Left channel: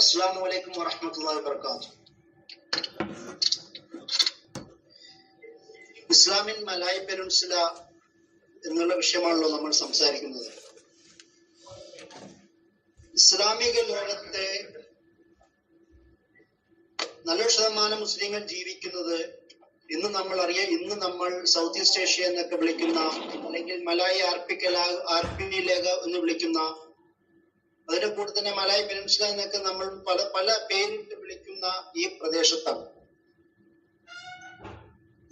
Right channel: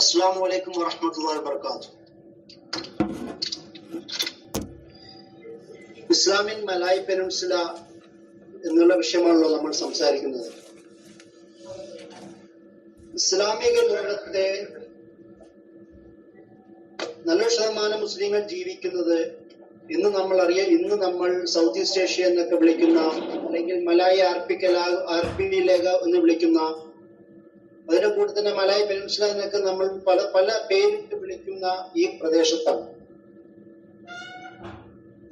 അസ്സലാമു അലൈക്കും വറഹ്മത്തുള്ളാഹി വബറകാതുഹു. ഇസ്ലാമിൽ മലായ് പെനിൻസുല എന്നുള്ള വിഷയമാണല്ലോ നമ്മൾ സംസാരിക്കുന്നത്. ഇസ്ലാമിക ലോകത്തെ നല്ല ശതമാനം മുസ്ലിങ്ങൾ ജീവിക്കുന്നത് ഇന്ന് നമ്മൾ സൗത്ത് ഈസ്റ്റ് ഏഷ്യ എന്നൊക്കെ വിളിക്കുന്ന, അല്ലെങ്കിൽ മലായ് ആർപിലേഖ എന്ന് വിളിക്കുന്ന, അതിന്റെ കൂടെ തന്നെ മലായ് പെനിൻസുല എന്നൊക്കെ നമ്മൾ പല പേരിട്ട് വിളിക്കുന്ന ഈ പ്രദേശത്താണ്.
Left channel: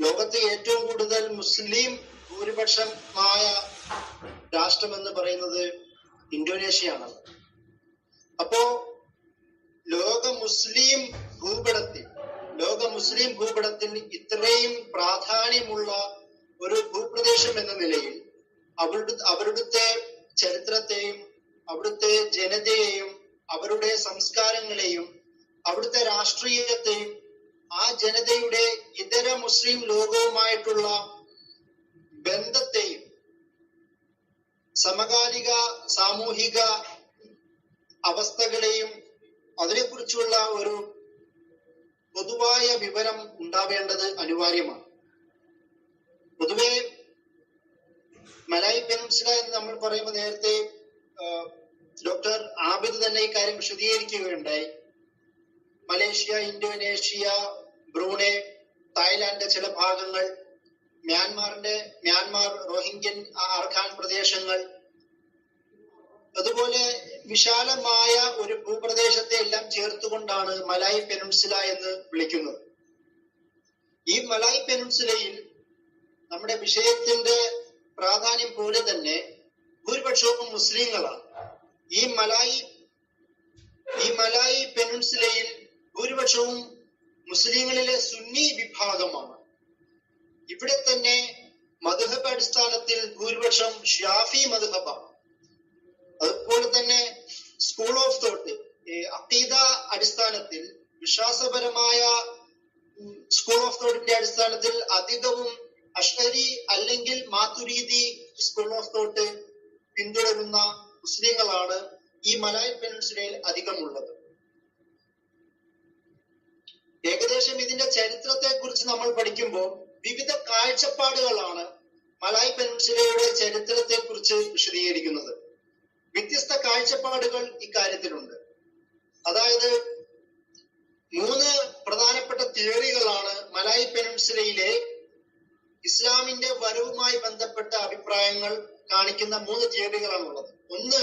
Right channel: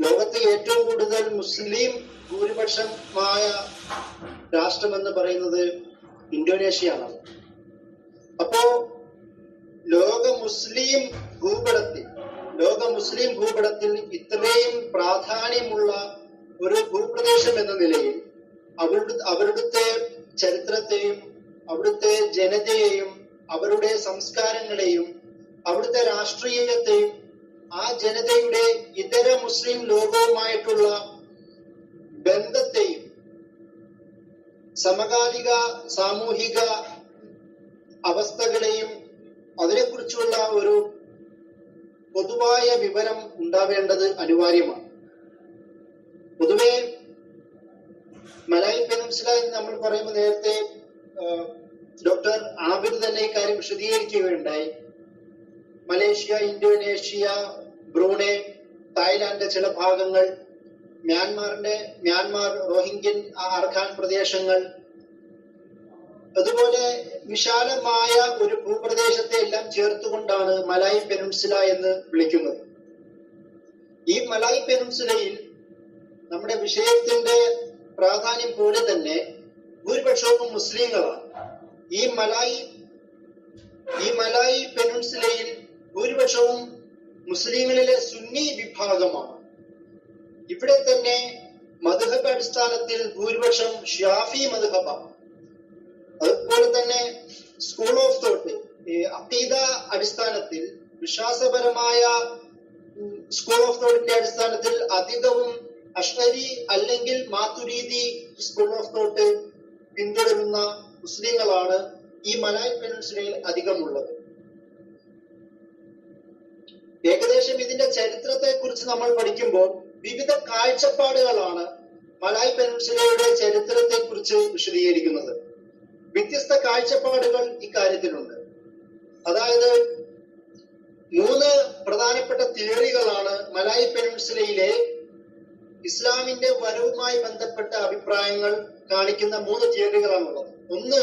ലോകത്തെ ഏറ്റവും കൂടുതൽ മുസ്ലിം ഭൂരിപക്ഷമായ രാഷ്ട്രമെന്ന് പറയുന്നത് ഇന്തോനേഷ്യയാണ്. അപ്പോ ലോക മുസ്ലിം ഭൂപടത്തിൽ ഇത്രയും പ്രാധാന്യമുള്ള ഒരു ഭൂപ്രദേശം എന്ന നിലയിൽ അവരുടെ ചരിത്രത്തെയും അവിടുത്തെ ജനതയെയും അവരുടെ സംസ്കാരങ്ങളെയും അവിടുത്തെ രാഷ്ട്രീയത്തെയും ആ ജനതയുടെ ഇതര മുസ്ലിം ലോകവുമായിട്ടുള്ള ബന്ധത്തെയും സമകാലിക സാമൂഹിക അവസ്ഥകളെയും അതിനെക്കുറിച്ചുള്ള ഒരു പൊതുവായ വിവരം ഉണ്ടാവേണ്ടത് അനിവാര്യമാണ്. പൊതുവെ മലായ് പെനിൻസുല എന്ന് നമ്മൾ പറയുമ്പോൾ നേരത്തെ ഡോക്ടർ ആബിദ് തന്നെ ഇക്കാര്യം വിശദീകരിക്കുകയുണ്ടായി. മലേഷ്യ, ഇന്തോനേഷ്യ, ബ്രൂണെ, തായ്ലാന്റ് ചില ഭാഗങ്ങൾ, മ്യാൻമാർ, റോഹിംഗ്യൻ, ആർഖാൻ പ്രദേശങ്ങൾ, അതുപോലെ വിശാലമായ ഒരു ഭൂപ്രദേശത്തെ എല്ലാം ചേർത്തുകൊണ്ടാണ് മലായ് പെനിൻസുല എന്ന് വിളിക്കുന്നത്. ഈ മലായ് പെനിൻസുലയിൽ നമ്മുടെ വിഷയത്തിന്റെ പ്രാധാന്യം പോലെ തന്നെ ഭൂരിപക്ഷവും മുസ്ലിങ്ങളാണ്. ഈ മലായ് പെനിൻസുലയിൽ ഭൂരിപക്ഷവും മുസ്ലിങ്ങളിലെ സുന്നി വിഭാഗമാണ്. ഇവിടെ തന്നെ മദ്ഹബ് അടിസ്ഥാനത്തിൽ ഭൂരിപക്ഷം ഷാഫി മദ്ഹബാണ്. അതുപോലെ തന്നെ സ്കൂൾ ഓഫ് തോട്ട്, അഖീദ അടിസ്ഥാനത്തിൽ, വിശ്വാസപരമായ സ്കൂൾ ഓഫ് തോട്ടിന്റെ അടിസ്ഥാനത്തിൽ അധികവും അഷ്അരി അല്ലെങ്കിൽ മാതുരീദി സ്കൂൾ ഓഫ് തോട്ട് പിന്തുടരുന്ന മുസ്ലിങ്ങളാണ് ഈ മലായ് പെനിൻസുലയിൽ അധികമുള്ളത്. ഏകദേശം ഇതിന്റെ ചരിത്രത്തെ കുറിച്ച് നമ്മൾ പഠിക്കുമ്പോൾ വിവിധ കാഴ്ചപ്പാടുകളാണ് മലായ് പെനിൻസുലയുടെ ചരിത്രത്തെ കുറിച്ച് വിശദീകരിക്കുന്നത്. വ്യത്യസ്ത കാഴ്ചപ്പാടുകൾ ഇക്കാര്യത്തിലുണ്ട്. അതായത് 3 പ്രധാനപ്പെട്ട തിയറികളാണ് മലായ് പെനിൻസുലയിലെ ഇസ്ലാമിന്റെ വരവുമായി ബന്ധപ്പെട്ട അഭിപ്രായങ്ങൾ കാണിക്കുന്ന 3 തിയറികളാണുള്ളത്. ഒന്ന്,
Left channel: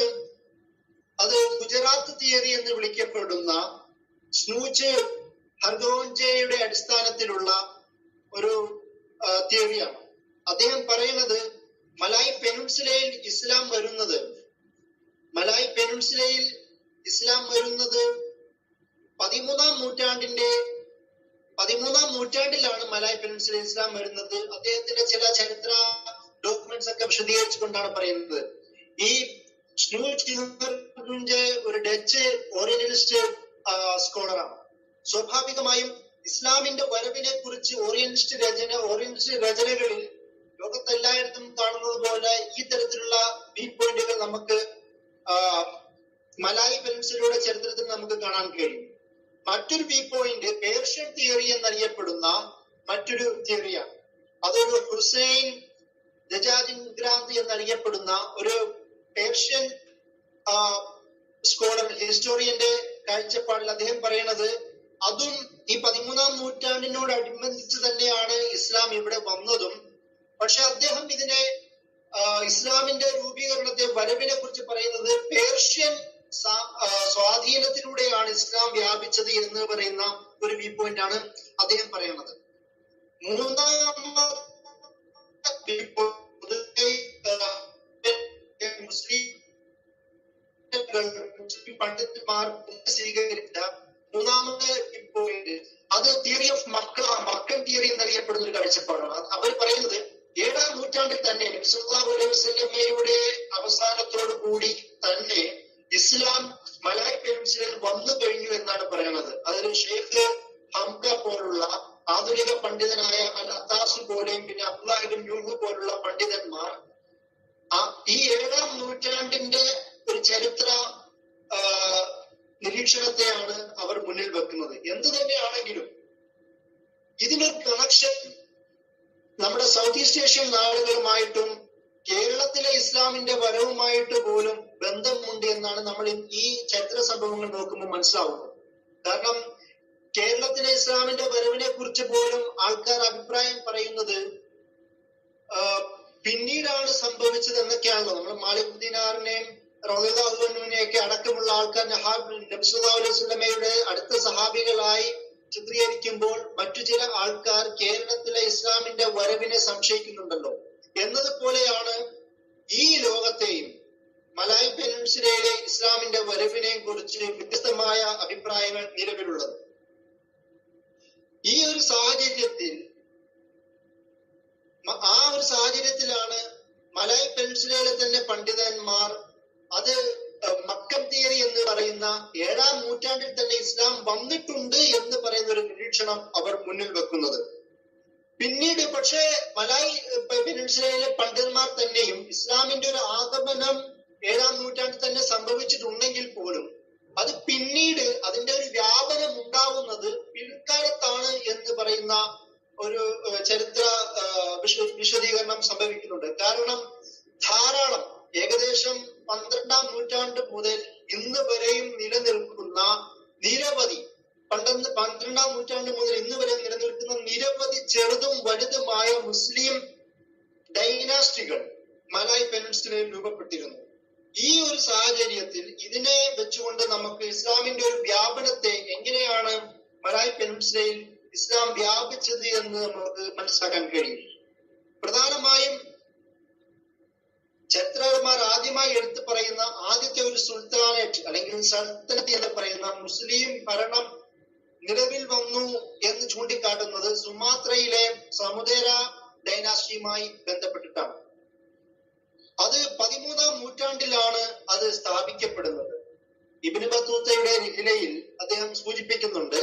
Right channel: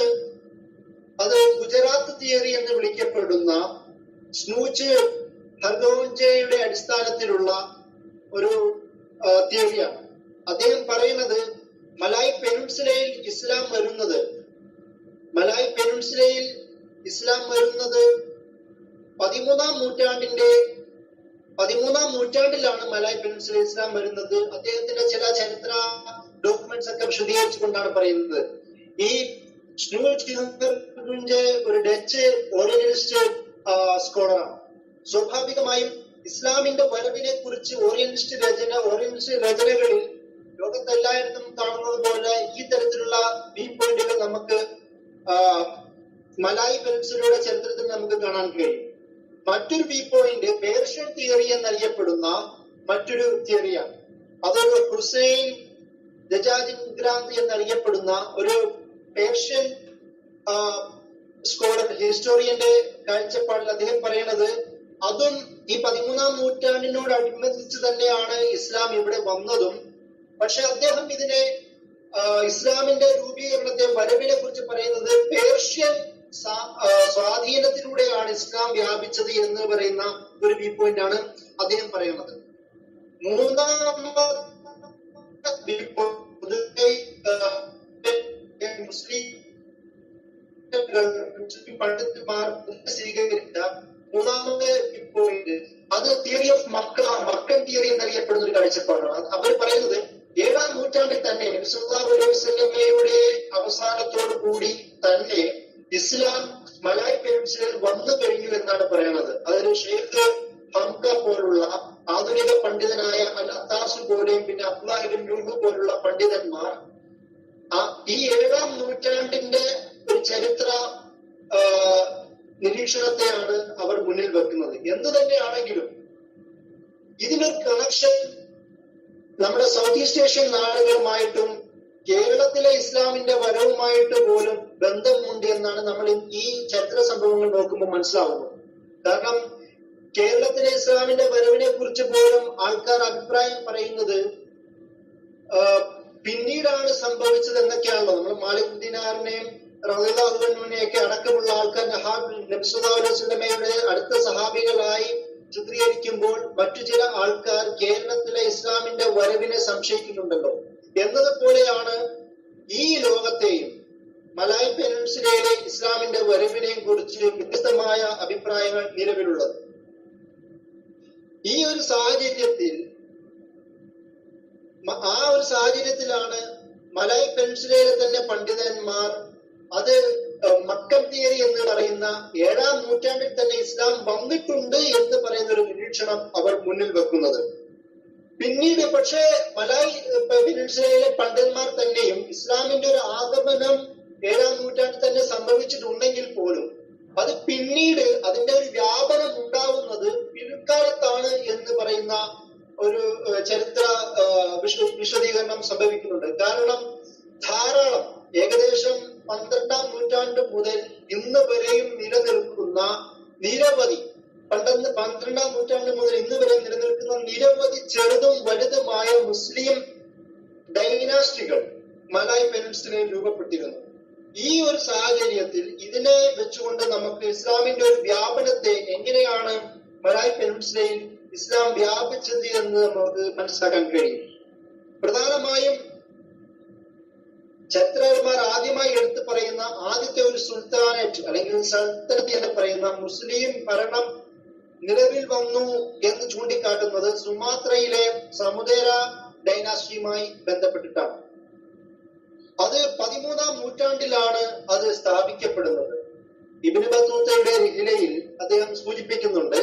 അത് ഗുജറാത്ത് തിയറി എന്ന് വിളിക്കപ്പെടുന്ന സ്നൂച്ച് ഹർഗോഞ്ചയുടെ അടിസ്ഥാനത്തിലുള്ള ഒരു തിയറിയാണ്. അദ്ദേഹം പറയുന്നത് മലായ് പെനിൻസുലയിൽ ഇസ്ലാം വരുന്നത് 13ാം നൂറ്റാണ്ടിലാണ് മലായ് പെനിൻസുലയിൽ ഇസ്ലാം വരുന്നത്. അദ്ദേഹത്തിന്റെ ചില ചരിത്ര ഡോക്യുമെന്റ്സ് ഒക്കെ വിശദീകരിച്ചുകൊണ്ടാണ് പറയുന്നത്. ഈ ഒരു ഡച്ച് ഓറിയന്റലിസ്റ്റ് സ്കോളറാണ്. സ്വാഭാവികമായും ഇസ്ലാമിന്റെ വരവിനെ കുറിച്ച് ഓറിയന്റലിസ്റ്റ് രചനകളിൽ ലോകത്തെല്ലായിടത്തും കാണുന്നത് പോലെ ഈ തരത്തിലുള്ള വ്യൂ പോയിന്റുകൾ നമുക്ക് മലായ് പെനിൻസുലയുടെ ചരിത്രത്തിൽ നമുക്ക് കാണാൻ കഴിയും. മറ്റൊരു വ്യൂ പോയിന്റ് പേർഷ്യൻ തിയറി എന്നറിയപ്പെടുന്ന മറ്റൊരു തിയറിയാണ്. അതൊരു ഹുസൈൻ ദജാജിൻഗ്രാന്ത് എന്നറിയപ്പെടുന്ന ഒരു പേർഷ്യൻ സ്കോളർ, ഹിസ്റ്റോറിയന്റെ കാഴ്ചപ്പാടിൽ അദ്ദേഹം പറയുന്നത് അതും ഈ 13ാം നൂറ്റാണ്ടിനോടനുബന്ധിച്ച് തന്നെയാണ് ഇസ്ലാം ഇവിടെ വന്നതും. പക്ഷെ അദ്ദേഹം ഇതിനെ ഇസ്ലാമിന്റെ രൂപീകരണത്തെ, വരവിനെ കുറിച്ച് പറയുന്നത് പേർഷ്യൻ സ്വാധീനത്തിലൂടെയാണ് ഇസ്ലാം വ്യാപിച്ചത് എന്ന് പറയുന്ന ഒരു വ്യൂ പോയിന്റ് ആണ് അദ്ദേഹം പറയുന്നത്. മൂന്നാമത്തെ മുസ്ലിം പണ്ഡിതന്മാർ സ്വീകരിച്ച മൂന്നാമത്തെ വ്യൂ പോയിന്റ് അത് തിയറി ഓഫ് മക്കൻ തിയറി എന്നറിയപ്പെടുന്ന ഒരു കാഴ്ചപ്പാടാണ്. അവർ പറയുന്നത് 7ാം നൂറ്റാണ്ടിൽ തന്നെ സല്ലല്ലാഹു അലൈഹി വസല്ലമയുടെ അവസാനത്തോടു കൂടി തന്നെ ഇസ്ലാം മലായ് പെനിൻസുലയിൽ വന്നു കഴിഞ്ഞു എന്നാണ് പറയുന്നത്. അതൊരു ഷെയ്ഖ് ഹംദ പോലുള്ള ആധുനിക പണ്ഡിതനായ അൽ അത്താസ് പോലെയും പിന്നെ അബ്ദുല്ലാഹ് ഇബ്നു യൂഹ് പോലുള്ള പണ്ഡിതന്മാർ ഈ 7ാം നൂറ്റാണ്ടിന്റെ ഒരു ചരിത്ര വീക്ഷണത്തെയാണ് അവർ മുന്നിൽ വെക്കുന്നത്. എന്ത് തന്നെയാണെങ്കിലും ഇതിനൊരു കണക്ഷൻ നമ്മുടെ സൗത്ത് ഈസ്റ്റ് ഏഷ്യൻ നാടുകളുമായിട്ടും കേരളത്തിലെ ഇസ്ലാമിന്റെ വരവുമായിട്ട് പോലും ബന്ധമുണ്ട് എന്നാണ് നമ്മൾ ഈ ചരിത്ര സംഭവങ്ങൾ നോക്കുമ്പോൾ മനസ്സിലാവുന്നത്. കാരണം കേരളത്തിലെ ഇസ്ലാമിന്റെ വരവിനെ കുറിച്ച് പോലും ആൾക്കാർ അഭിപ്രായം പറയുന്നത് പിന്നീടാണ് സംഭവിച്ചത് എന്നൊക്കെയാണല്ലോ. നമ്മൾ മാലിക് ദീനാറിനെയും റളിയല്ലാഹുവിനെയൊക്കെ അടക്കമുള്ള ആൾക്കാർ നബി സല്ലല്ലാഹു അലൈഹി വസല്ലമയുടെ അടുത്ത സഹാബികളായി ചിത്രീകരിക്കുമ്പോൾ മറ്റു ചില ആൾക്കാർ കേരളത്തിലെ ഇസ്ലാമിന്റെ വരവിനെ സംശയിക്കുന്നുണ്ടല്ലോ. എന്നതുപോലെയാണ് ഈ ലോകത്തെയും മലായ് പെനിൻസുലയിലെ ഇസ്ലാമിന്റെ വരവിനെയും കുറിച്ച് വ്യത്യസ്തമായ അഭിപ്രായങ്ങൾ നിലവിലുള്ളത്. ഈ ഒരു സാഹചര്യത്തിലാണ് മലായ് പെനിൻസുലയിലെ തന്നെ പണ്ഡിതന്മാർ അത് മക്കൻ തിയറി എന്ന് പറയുന്ന 7-ാം നൂറ്റാണ്ടിൽ തന്നെ ഇസ്ലാം വന്നിട്ടുണ്ട് എന്ന് പറയുന്ന ഒരു നിരീക്ഷണം അവർ മുന്നിൽ വെക്കുന്നത്. പിന്നീട് പക്ഷേ മലായ് പെനിൻസുലയിലെ പണ്ഡിതന്മാർ തന്നെയും ഇസ്ലാമിന്റെ ഒരു ആഗമനം 7-ാം നൂറ്റാണ്ടിൽ തന്നെ സംഭവിച്ചിട്ടുണ്ടെങ്കിൽ പോലും അത് പിന്നീട് അതിന്റെ ഒരു വ്യാപനം ഉണ്ടാവുന്നത് പിൽക്കാലത്താണ് എന്ന് പറയുന്ന ഒരു ചരിത്ര വിശദീകരണം സംഭവിക്കുന്നുണ്ട്. കാരണം ധാരാളം ഏകദേശം 12-ാം നൂറ്റാണ്ട് മുതൽ ഇന്ന് വരെയും നിലനിൽക്കുന്ന നിരവധി 12-ാം നൂറ്റാണ്ട് മുതൽ ഇന്ന് വരെ നിലനിൽക്കുന്ന നിരവധി ചെറുതും വലുതുമായ മുസ്ലിം ഡൈനാസ്റ്റികൾ മലായ് പെനിൻസുലയിൽ രൂപപ്പെട്ടിരുന്നു. ഈ ഒരു സാഹചര്യത്തിൽ ഇതിനെ വെച്ചുകൊണ്ട് നമുക്ക് ഇസ്ലാമിന്റെ ഒരു വ്യാപനത്തെ എങ്ങനെയാണ് മലായ് പെനിൻസുലയിൽ ഇസ്ലാം വ്യാപിച്ചത് എന്ന് നമുക്ക് മനസ്സിലാക്കാൻ കഴിയും. പ്രധാനമായും ചരിത്രകാരന്മാർ ആദ്യമായി എടുത്തു പറയുന്ന ആദ്യത്തെ ഒരു സുൽത്താനേറ്റ് അല്ലെങ്കിൽ സൽത്തനത്ത് എന്ന് പറയുന്ന മുസ്ലിം ഭരണം നിലവിൽ വന്നു എന്ന് ചൂണ്ടിക്കാട്ടുന്നത് സുമാത്രയിലെ സമുദേര ഡൈനാസ്റ്റിയുമായി ബന്ധപ്പെട്ടിട്ടാണ്. അത് 13-ാം നൂറ്റാണ്ടിലാണ് അത് സ്ഥാപിക്കപ്പെടുന്നത്. ഇബ്നു ബത്തൂത്തയുടെ റിഹ്ലയിൽ അദ്ദേഹം സൂചിപ്പിക്കുന്നുണ്ട്,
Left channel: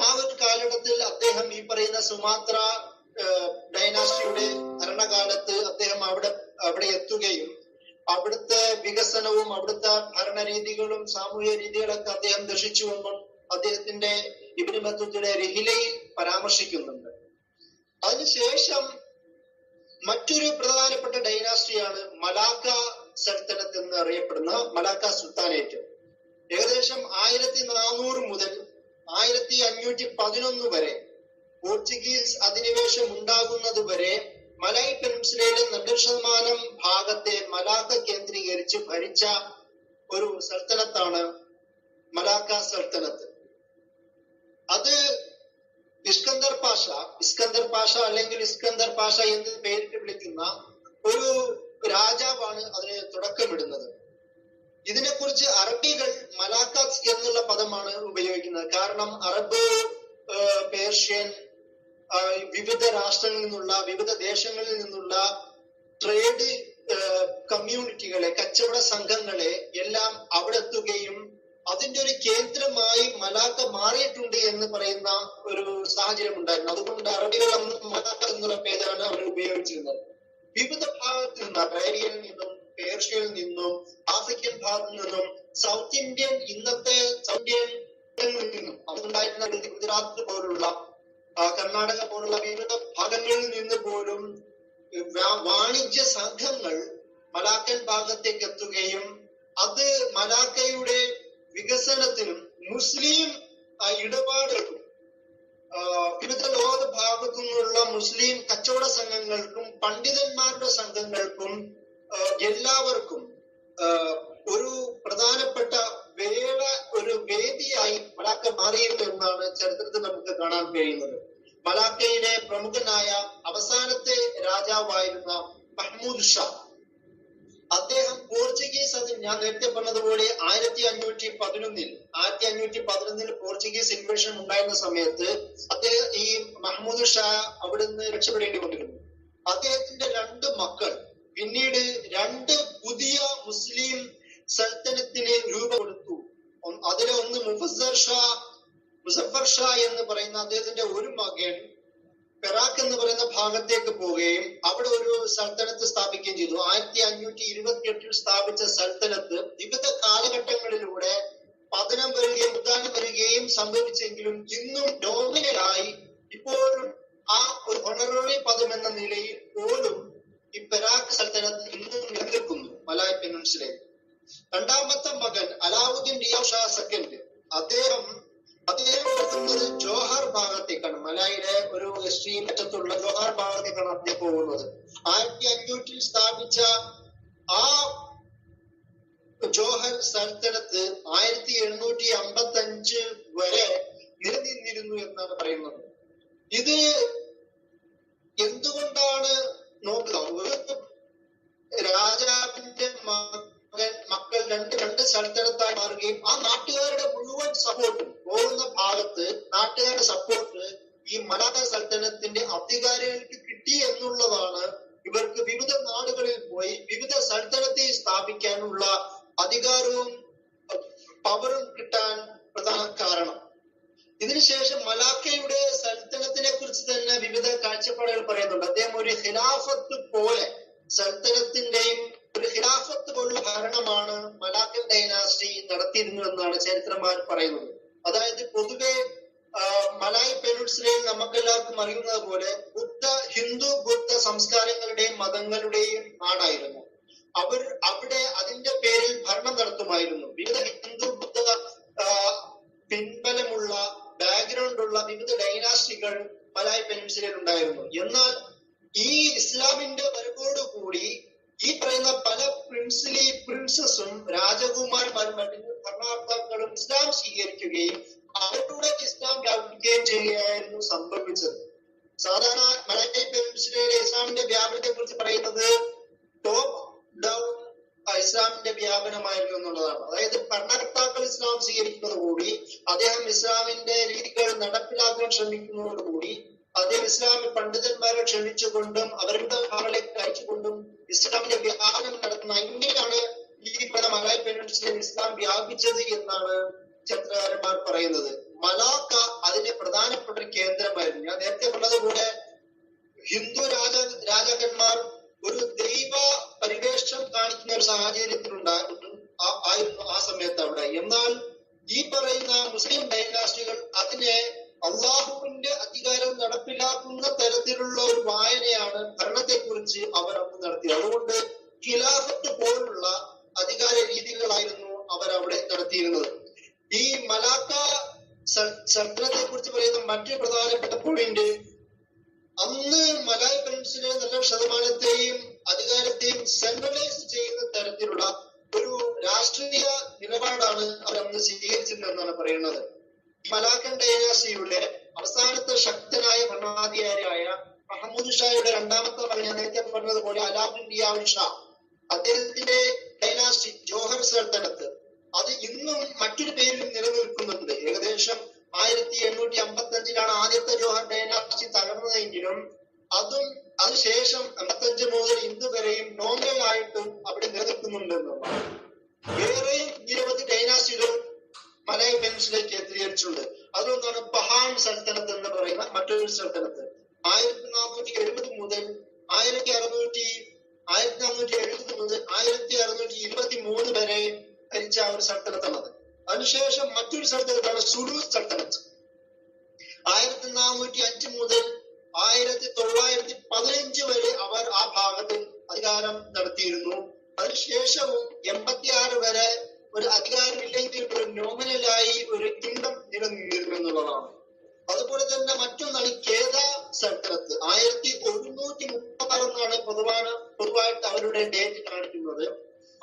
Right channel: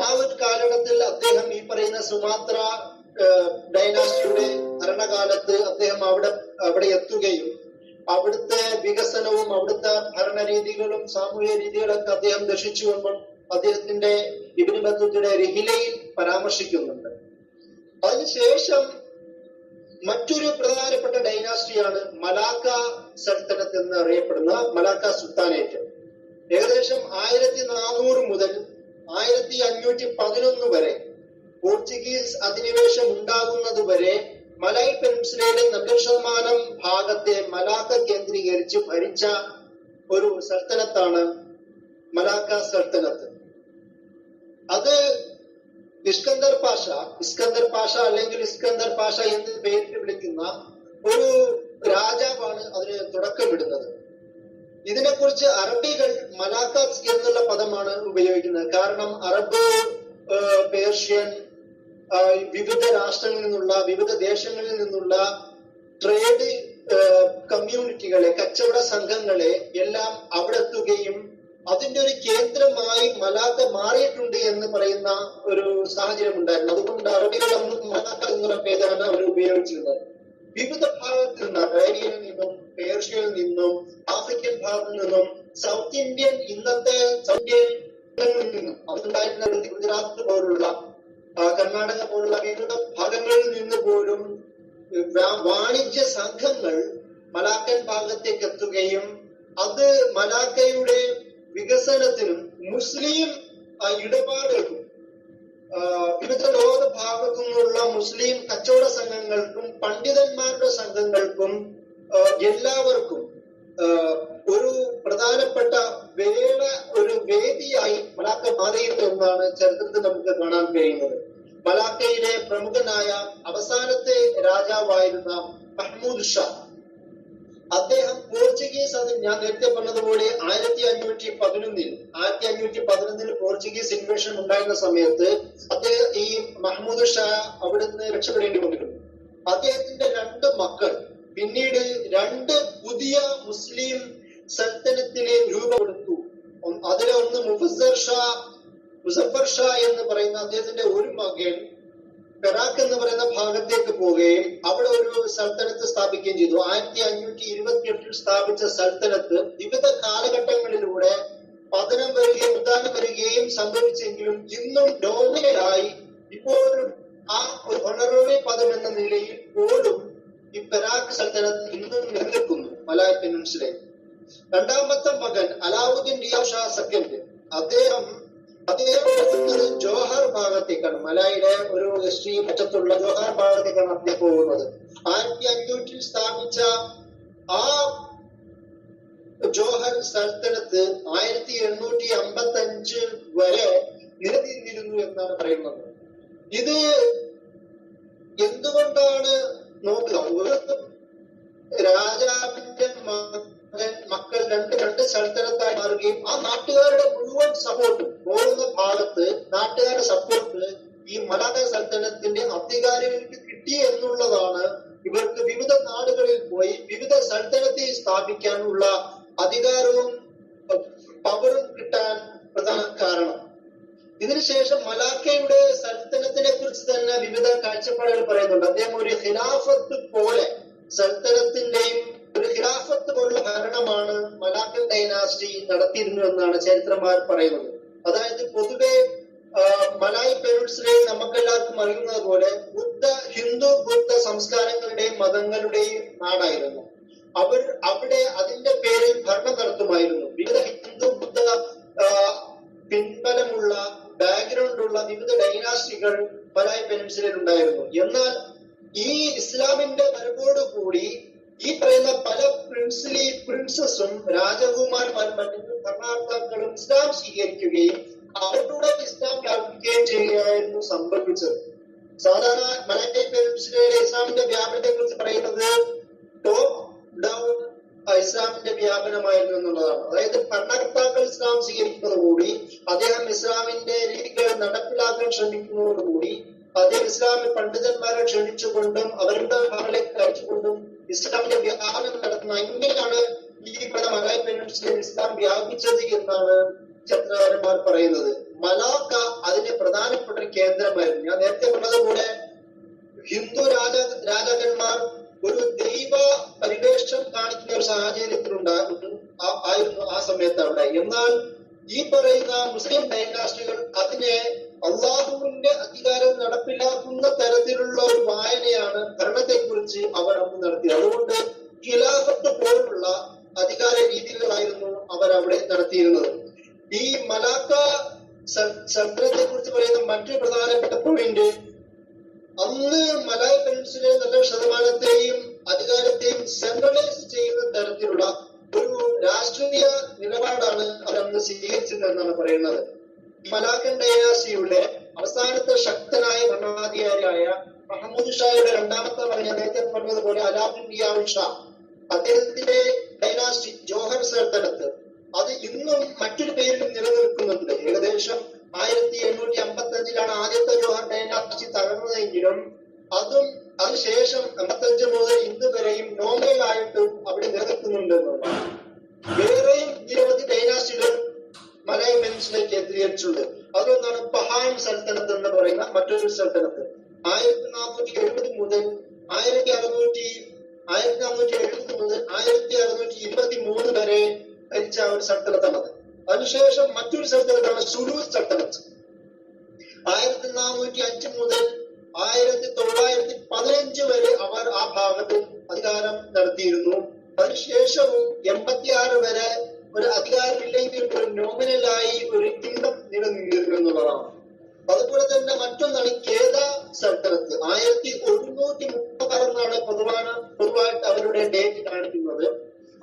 ആ ഒരു കാലഘട്ടത്തിൽ അദ്ദേഹം ഈ പറയുന്ന സുമാത്ര ഡൈനാസ്റ്റിയുടെ ഭരണകാലത്ത് അദ്ദേഹം അവിടെ എത്തുകയും അവിടുത്തെ വികസനവും അവിടുത്തെ ഭരണരീതികളും സാമൂഹ്യ രീതികളൊക്കെ അദ്ദേഹം ദർശിച്ചുകൊണ്ട് അദ്ദേഹത്തിന്റെ ഇബ്നു ബത്തൂത്തയുടെ റിഹ്ലയിൽ പരാമർശിക്കുന്നുണ്ട്. അതിനുശേഷം മറ്റൊരു പ്രധാനപ്പെട്ട ഡൈനാസ്റ്റിയാണ് മലാക്ക സൽത്തനത്ത് എന്ന് അറിയപ്പെടുന്ന മലാക്ക സുൽത്താനേറ്റ്. ഏകദേശം 1400 മുതൽ 1511 വരെ പോർച്ചുഗീസ് അധിനിവേശം ഉണ്ടാകുന്നത് വരെ മലായ് പെനിൻസുലയിലെ 90% ഭാഗത്തെ മലാക്ക കേന്ദ്രീകരിച്ച് ഭരിച്ച ഒരു സൽത്തനത്താണ് മലാക്ക സൽത്തനത്ത്. അത് ഇസ്കന്ദർ പാഷ അല്ലെങ്കിൽ ഇസ്കന്ദർ പാഷ എന്ന് പേരിട്ട് വിളിക്കുന്ന ഒരു രാജാവാണ് അതിന് തുടക്കമിടുന്നത്. ഇതിനെക്കുറിച്ച് അറബികൾ മലാക്കാസ് എന്നുള്ള പദമാണ് ഉപയോഗിക്കുന്നത്. കാരണം അറബ്, പേർഷ്യൻ, വിവിധ രാഷ്ട്രങ്ങളിൽ നിന്നുള്ള വിവിധ ദേശങ്ങളിൽ നിന്നുള്ള ട്രേഡ് കമ്മ്യൂണിറ്റികളെ, കച്ചവട സംഘങ്ങളെ എല്ലാം അവിടെ എത്തുകയും അതിന്റെ ഒരു കേന്ദ്രമായി മലാക്ക മാറിയിട്ടുണ്ട് എന്ന് പറയുന്ന ഒരു സാഹചര്യം ഉണ്ടായിരുന്നു. അതുകൊണ്ട് അറബികൾ അന്ന് മലാക്ക എന്നുള്ള പേരാണ് അവർ ഉപയോഗിച്ചിരുന്നത്. വിവിധ ഭാഗത്തിൽ നിന്ന്, അറേബ്യയിൽ നിന്നും പേർഷ്യയിൽ നിന്നും ആഫ്രിക്കൻ ഭാഗത്തിൽ നിന്നും സൗത്ത് ഇന്ത്യൻ, ഇന്നത്തെ സൗത്ത് ഇന്ത്യയിൽ നിന്നും അതുണ്ടായിരുന്ന ഗുജറാത്ത് പോലുള്ള കർണാടക പോലുള്ള വിവിധ ഭാഗങ്ങളിൽ നിന്ന് പോലും വാണിജ്യ സംഘങ്ങൾ മലാക്കൻ ഭാഗത്തേക്ക് എത്തുകയും അത് മലാക്കയുടെ വികസനത്തിനും മുസ്ലിം ഇടപാടുകൾക്കും വിവിധ ലോക ഭാഗത്തു നിന്നുള്ള മുസ്ലിം കച്ചവട സംഘങ്ങൾക്കും പണ്ഡിതന്മാരുടെ സംഘങ്ങൾക്കും എല്ലാവർക്കും ഒരു പ്രധാനപ്പെട്ട ഒരു വേദിയായി മലാക്ക മാറിയിരുന്നു എന്നാണ് ചരിത്രത്തിൽ നമുക്ക് കാണാൻ കഴിയുന്നത്. മലാക്കയിലെ പ്രമുഖനായ അവസാനത്തെ രാജാവായിരുന്ന മഹ്മൂദ് ഷാ, അദ്ദേഹം പോർച്ചുഗീസ്, അത് ഞാൻ നേരത്തെ പറഞ്ഞതുപോലെ 1511 പോർച്ചുഗീസ് ഇൻവേഷൻ ഉണ്ടായിരുന്ന സമയത്ത് അദ്ദേഹം ഈ മഹ്മൂദ് ഷാ അവിടുന്ന് രക്ഷപ്പെടേണ്ടി വന്നിരുന്നു. അദ്ദേഹത്തിന്റെ 2 മക്കൾ പിന്നീട് 2 പുതിയ മുസ്ലിം സൽത്തനത്തിന് രൂപം കൊടുത്തു. അതിലെ ഒന്ന് മുസഫർ ഷാ എന്ന് പറയുന്ന അദ്ദേഹത്തിന്റെ ഒരു മകൻ പെറാക്ക് എന്ന് പറയുന്ന ഭാഗത്തേക്ക് പോവുകയും അവിടെ ഒരു സൽത്തനത്ത് സ്ഥാപിക്കുകയും ചെയ്തു. 1528 സ്ഥാപിച്ച സൽത്തനത്ത് വിവിധ കാലഘട്ടങ്ങളിലൂടെ പതനം വരികയും ഉദാഹരണം വരികയും സംഭവിച്ചെങ്കിലും ഇന്നും നോമിനലായി ഇപ്പോഴും ആ ഒരു ഹൊണററി പദം എന്ന നിലയിൽ പോലും ഈ പെരാക്ക് സൽത്തനത്ത് ഇന്നും നിലനിൽക്കുന്നു മലായ് പെനിൻസുലയിൽ. രണ്ടാമത്തെ മകൻ അലാവുദ്ദീൻ റിയാദ് ഷാ സെക്കൻഡ്, അദ്ദേഹം പോകുന്നത് ജോഹർ ഭാഗത്തേക്കാണ്. മലായിലെ ഒരു എക്സ്ട്രീം അറ്റത്തുള്ള ജോഹർ ഭാഗത്തേക്കാണ് അദ്ദേഹം പോകുന്നത്. 1500 സ്ഥാപിച്ച ആ ജോഹർ സൽത്തനത്ത് 1855 വരെ നിലനിന്നിരുന്നു എന്നാണ് പറയുന്നത്. ഇത് എന്തുകൊണ്ടാണ് നോക്കുക, രാജാവിന്റെ മക്കൾ രണ്ട് സൽത്തനത്തായി മാറുകയും ആ നാട്ടുകാരുടെ മുഴുവൻ സപ്പോർട്ടും പോകുന്ന ഭാഗത്ത് നാട്ടുകാരുടെ സപ്പോർട്ട് ഈ മലായ സൽത്തനത്തിന്റെ അധികാരികൾക്ക് കിട്ടി എന്നുള്ളതാണ് ഇവർക്ക് വിവിധ നാടുകളിൽ പോയി വിവിധ സൽത്തനത്തെ സ്ഥാപിക്കാനുള്ള അധികാരവും പവറും കിട്ടാൻ പ്രധാന കാരണം. ഇതിനുശേഷം മലാക്കയുടെ സൽത്തനത്തിനെ കുറിച്ച് തന്നെ വിവിധ കാഴ്ചപ്പാടുകൾ പറയുന്നുണ്ട്. അദ്ദേഹം ഒരു ഖിലാഫത്ത് പോലെ സൽത്തനത്തിന്റെയും ഒരു ഖിലാഫത്ത് പോലുള്ള ഭരണമാണ് മലാക്കൻ ഡൈനാസ്റ്റി നടത്തിയിരുന്നു എന്നാണ് ചരിത്രന്മാർ പറയുന്നത്. അതായത് പൊതുവെ മലായ് പെനിൻസുലയിൽ നമുക്കെല്ലാവർക്കും അറിയുന്നത് പോലെ ഹിന്ദു ബുദ്ധ സംസ്കാരങ്ങളുടെയും മതങ്ങളുടെയും നാടായിരുന്നു. അവിടെ അതിന്റെ പേരിൽ ഭരണം നടത്തുമായിരുന്നു. വിവിധ ഹിന്ദു ബുദ്ധ പിൻബലമുള്ള ബാക്ക്ഗ്രൗണ്ടുള്ള വിവിധ ഡൈനാസ്റ്റികൾ മലായ് പെനിൻസുലയിൽ ഉണ്ടായിരുന്നു. എന്നാൽ ഈ ഇസ്ലാമിന്റെ വരവോടുകൂടി ഈ പറയുന്ന പല പ്രിൻസസും രാജകുമാരന്മാരും മറ്റു ഭരണകർത്താക്കളും ഇസ്ലാം സ്വീകരിക്കുകയും അവരുടെ ഇസ്ലാം വ്യാപിക്കുകയും ചെയ്യുകയായിരുന്നു സംഭവിച്ചത്. സാധാരണ മലായ് പെനിൻസുലയിലെ ഇസ്ലാമിന്റെ വ്യാപനത്തെ കുറിച്ച് പറയുന്നത് ടോപ്പ് ഡൗൺ ഇസ്ലാമിന്റെ വ്യാപനമായിരുന്നു എന്നുള്ളതാണ്. അതായത് ഭരണകർത്താക്കൾ ഇസ്ലാം സ്വീകരിക്കുന്നതോടുകൂടി അദ്ദേഹം ഇസ്ലാമിന്റെ രീതികൾ നടപ്പിലാക്കാൻ ശ്രമിക്കുന്നതോടുകൂടി അദ്ദേഹം ഇസ്ലാമിൽ പണ്ഡിതന്മാരെ ക്ഷണിച്ചുകൊണ്ടും അവരുടെ മകളിലേക്ക് അയച്ചുകൊണ്ടും ഇസ്ലാമിന്റെ വ്യാപനം നടത്തുന്ന ഇങ്ങനെയാണ് ഈ മലായ് പെനിൻസുലയിൽ ഇസ്ലാം വ്യാപിച്ചത് എന്നാണ് ചരിത്രകാരന്മാർ പറയുന്നത്. മലാക്ക അതിന്റെ പ്രധാനപ്പെട്ട ഒരു കേന്ദ്രമായിരുന്നു. ഞാൻ നേരത്തെ പറഞ്ഞതുപോലെ ഹിന്ദു രാജാക്കന്മാർ ഒരു ദൈവ പരിവേഷം കാണിക്കുന്ന ഒരു സാഹചര്യത്തിലുണ്ടായിരുന്നു ആ സമയത്ത് അവിടെ. എന്നാൽ ഈ പറയുന്ന മുസ്ലിം ഡൈനാസ്റ്റികൾ അതിനെ അള്ളാഹുവിന്റെ അധികാരം നടപ്പിലാക്കുന്ന തരത്തിലുള്ള ഒരു വായനയാണ് ഭരണത്തെ കുറിച്ച് അവർ അന്ന് നടത്തിയത്. അതുകൊണ്ട് ഖിലാഫത്ത് പോലുള്ള അധികാര രീതികളായിരുന്നു അവർ അവിടെ നടത്തിയിരുന്നത്. ഈ മലാക്ക സൽത്തനത്തെ കുറിച്ച് പറയുന്ന മറ്റൊരു പ്രധാനപ്പെട്ട പോയിന്റ്, അന്ന് മലായ് പെനിൻസുലയിലെ 90% അധികാരത്തെയും സെൻട്രലൈസ് ചെയ്യുന്ന തരത്തിലുള്ള ഒരു രാഷ്ട്രീയ നിലപാടാണ് അവരന്ന് സ്വീകരിച്ചത് എന്നാണ് പറയുന്നത്. മലാക്കൻ ഡൈനാസ്റ്റിയുടെ അവസാനത്തെ ശക്തനായ ഭരണാധികാരിയായ മഹമ്മൂദ് ഷായുടെ രണ്ടാമത്തെ മകൻ, നേരത്തെ പറഞ്ഞതുപോലെ അലാവുദ്ദീൻ റിയാദ് ഷാ, അദ്ദേഹത്തിന്റെ ഡൈനാസ്റ്റി ജോഹർ സൽത്തനത്ത് അത് ഇന്നും മറ്റൊരു പേരിലും നിലനിൽക്കുന്നുണ്ട്. ഏകദേശം 1855 ആദ്യത്തെ ജോഹർ ഡൈനാസ്റ്റി തകർന്നതെങ്കിലും അതിനുശേഷം 55 മുതൽ ഇന്ന് വരെയും നോമിനൽ ആയിട്ട് അവിടെ നിലനിൽക്കുന്നുണ്ട് എന്നുള്ളതാണ്. വേറെയും നിരവധി ഡൈനാസ്റ്റികൾ മലായ് പെനിൻസുലയിൽ കേന്ദ്രീകരിച്ചിട്ടുണ്ട്. അതുകൊണ്ടാണ് പഹാൻ സൽത്തനത്ത് എന്ന് പറയുന്ന മറ്റൊരു സൽത്തനത്ത് 1470 മുതൽ 1623 വരെ ഭരിച്ച ഒരു സൽത്തനത്താണത്. അതിനുശേഷം മറ്റൊരു സൽത്തനത്താണ് സുലു സൽത്തനത്ത്. 1405 മുതൽ 1915 വരെ അവർ ആ ഭാഗത്ത് അധികാരം നടത്തിയിരുന്നു. അതിനുശേഷവും 86 വരെ ഒരു അധികാരമില്ലെങ്കിൽ ഒരു നോമിനലായി ഒരു കിങ്ഡം നിലനിന്നിരുന്നു എന്നുള്ളതാണ്. അതുപോലെ തന്നെ മറ്റൊന്നാണ് കേദ സൽത്തനത്ത്. 1136 പൊതുവായിട്ട് അവരുടെ ഡേറ്റ് കാണിക്കുന്നത്.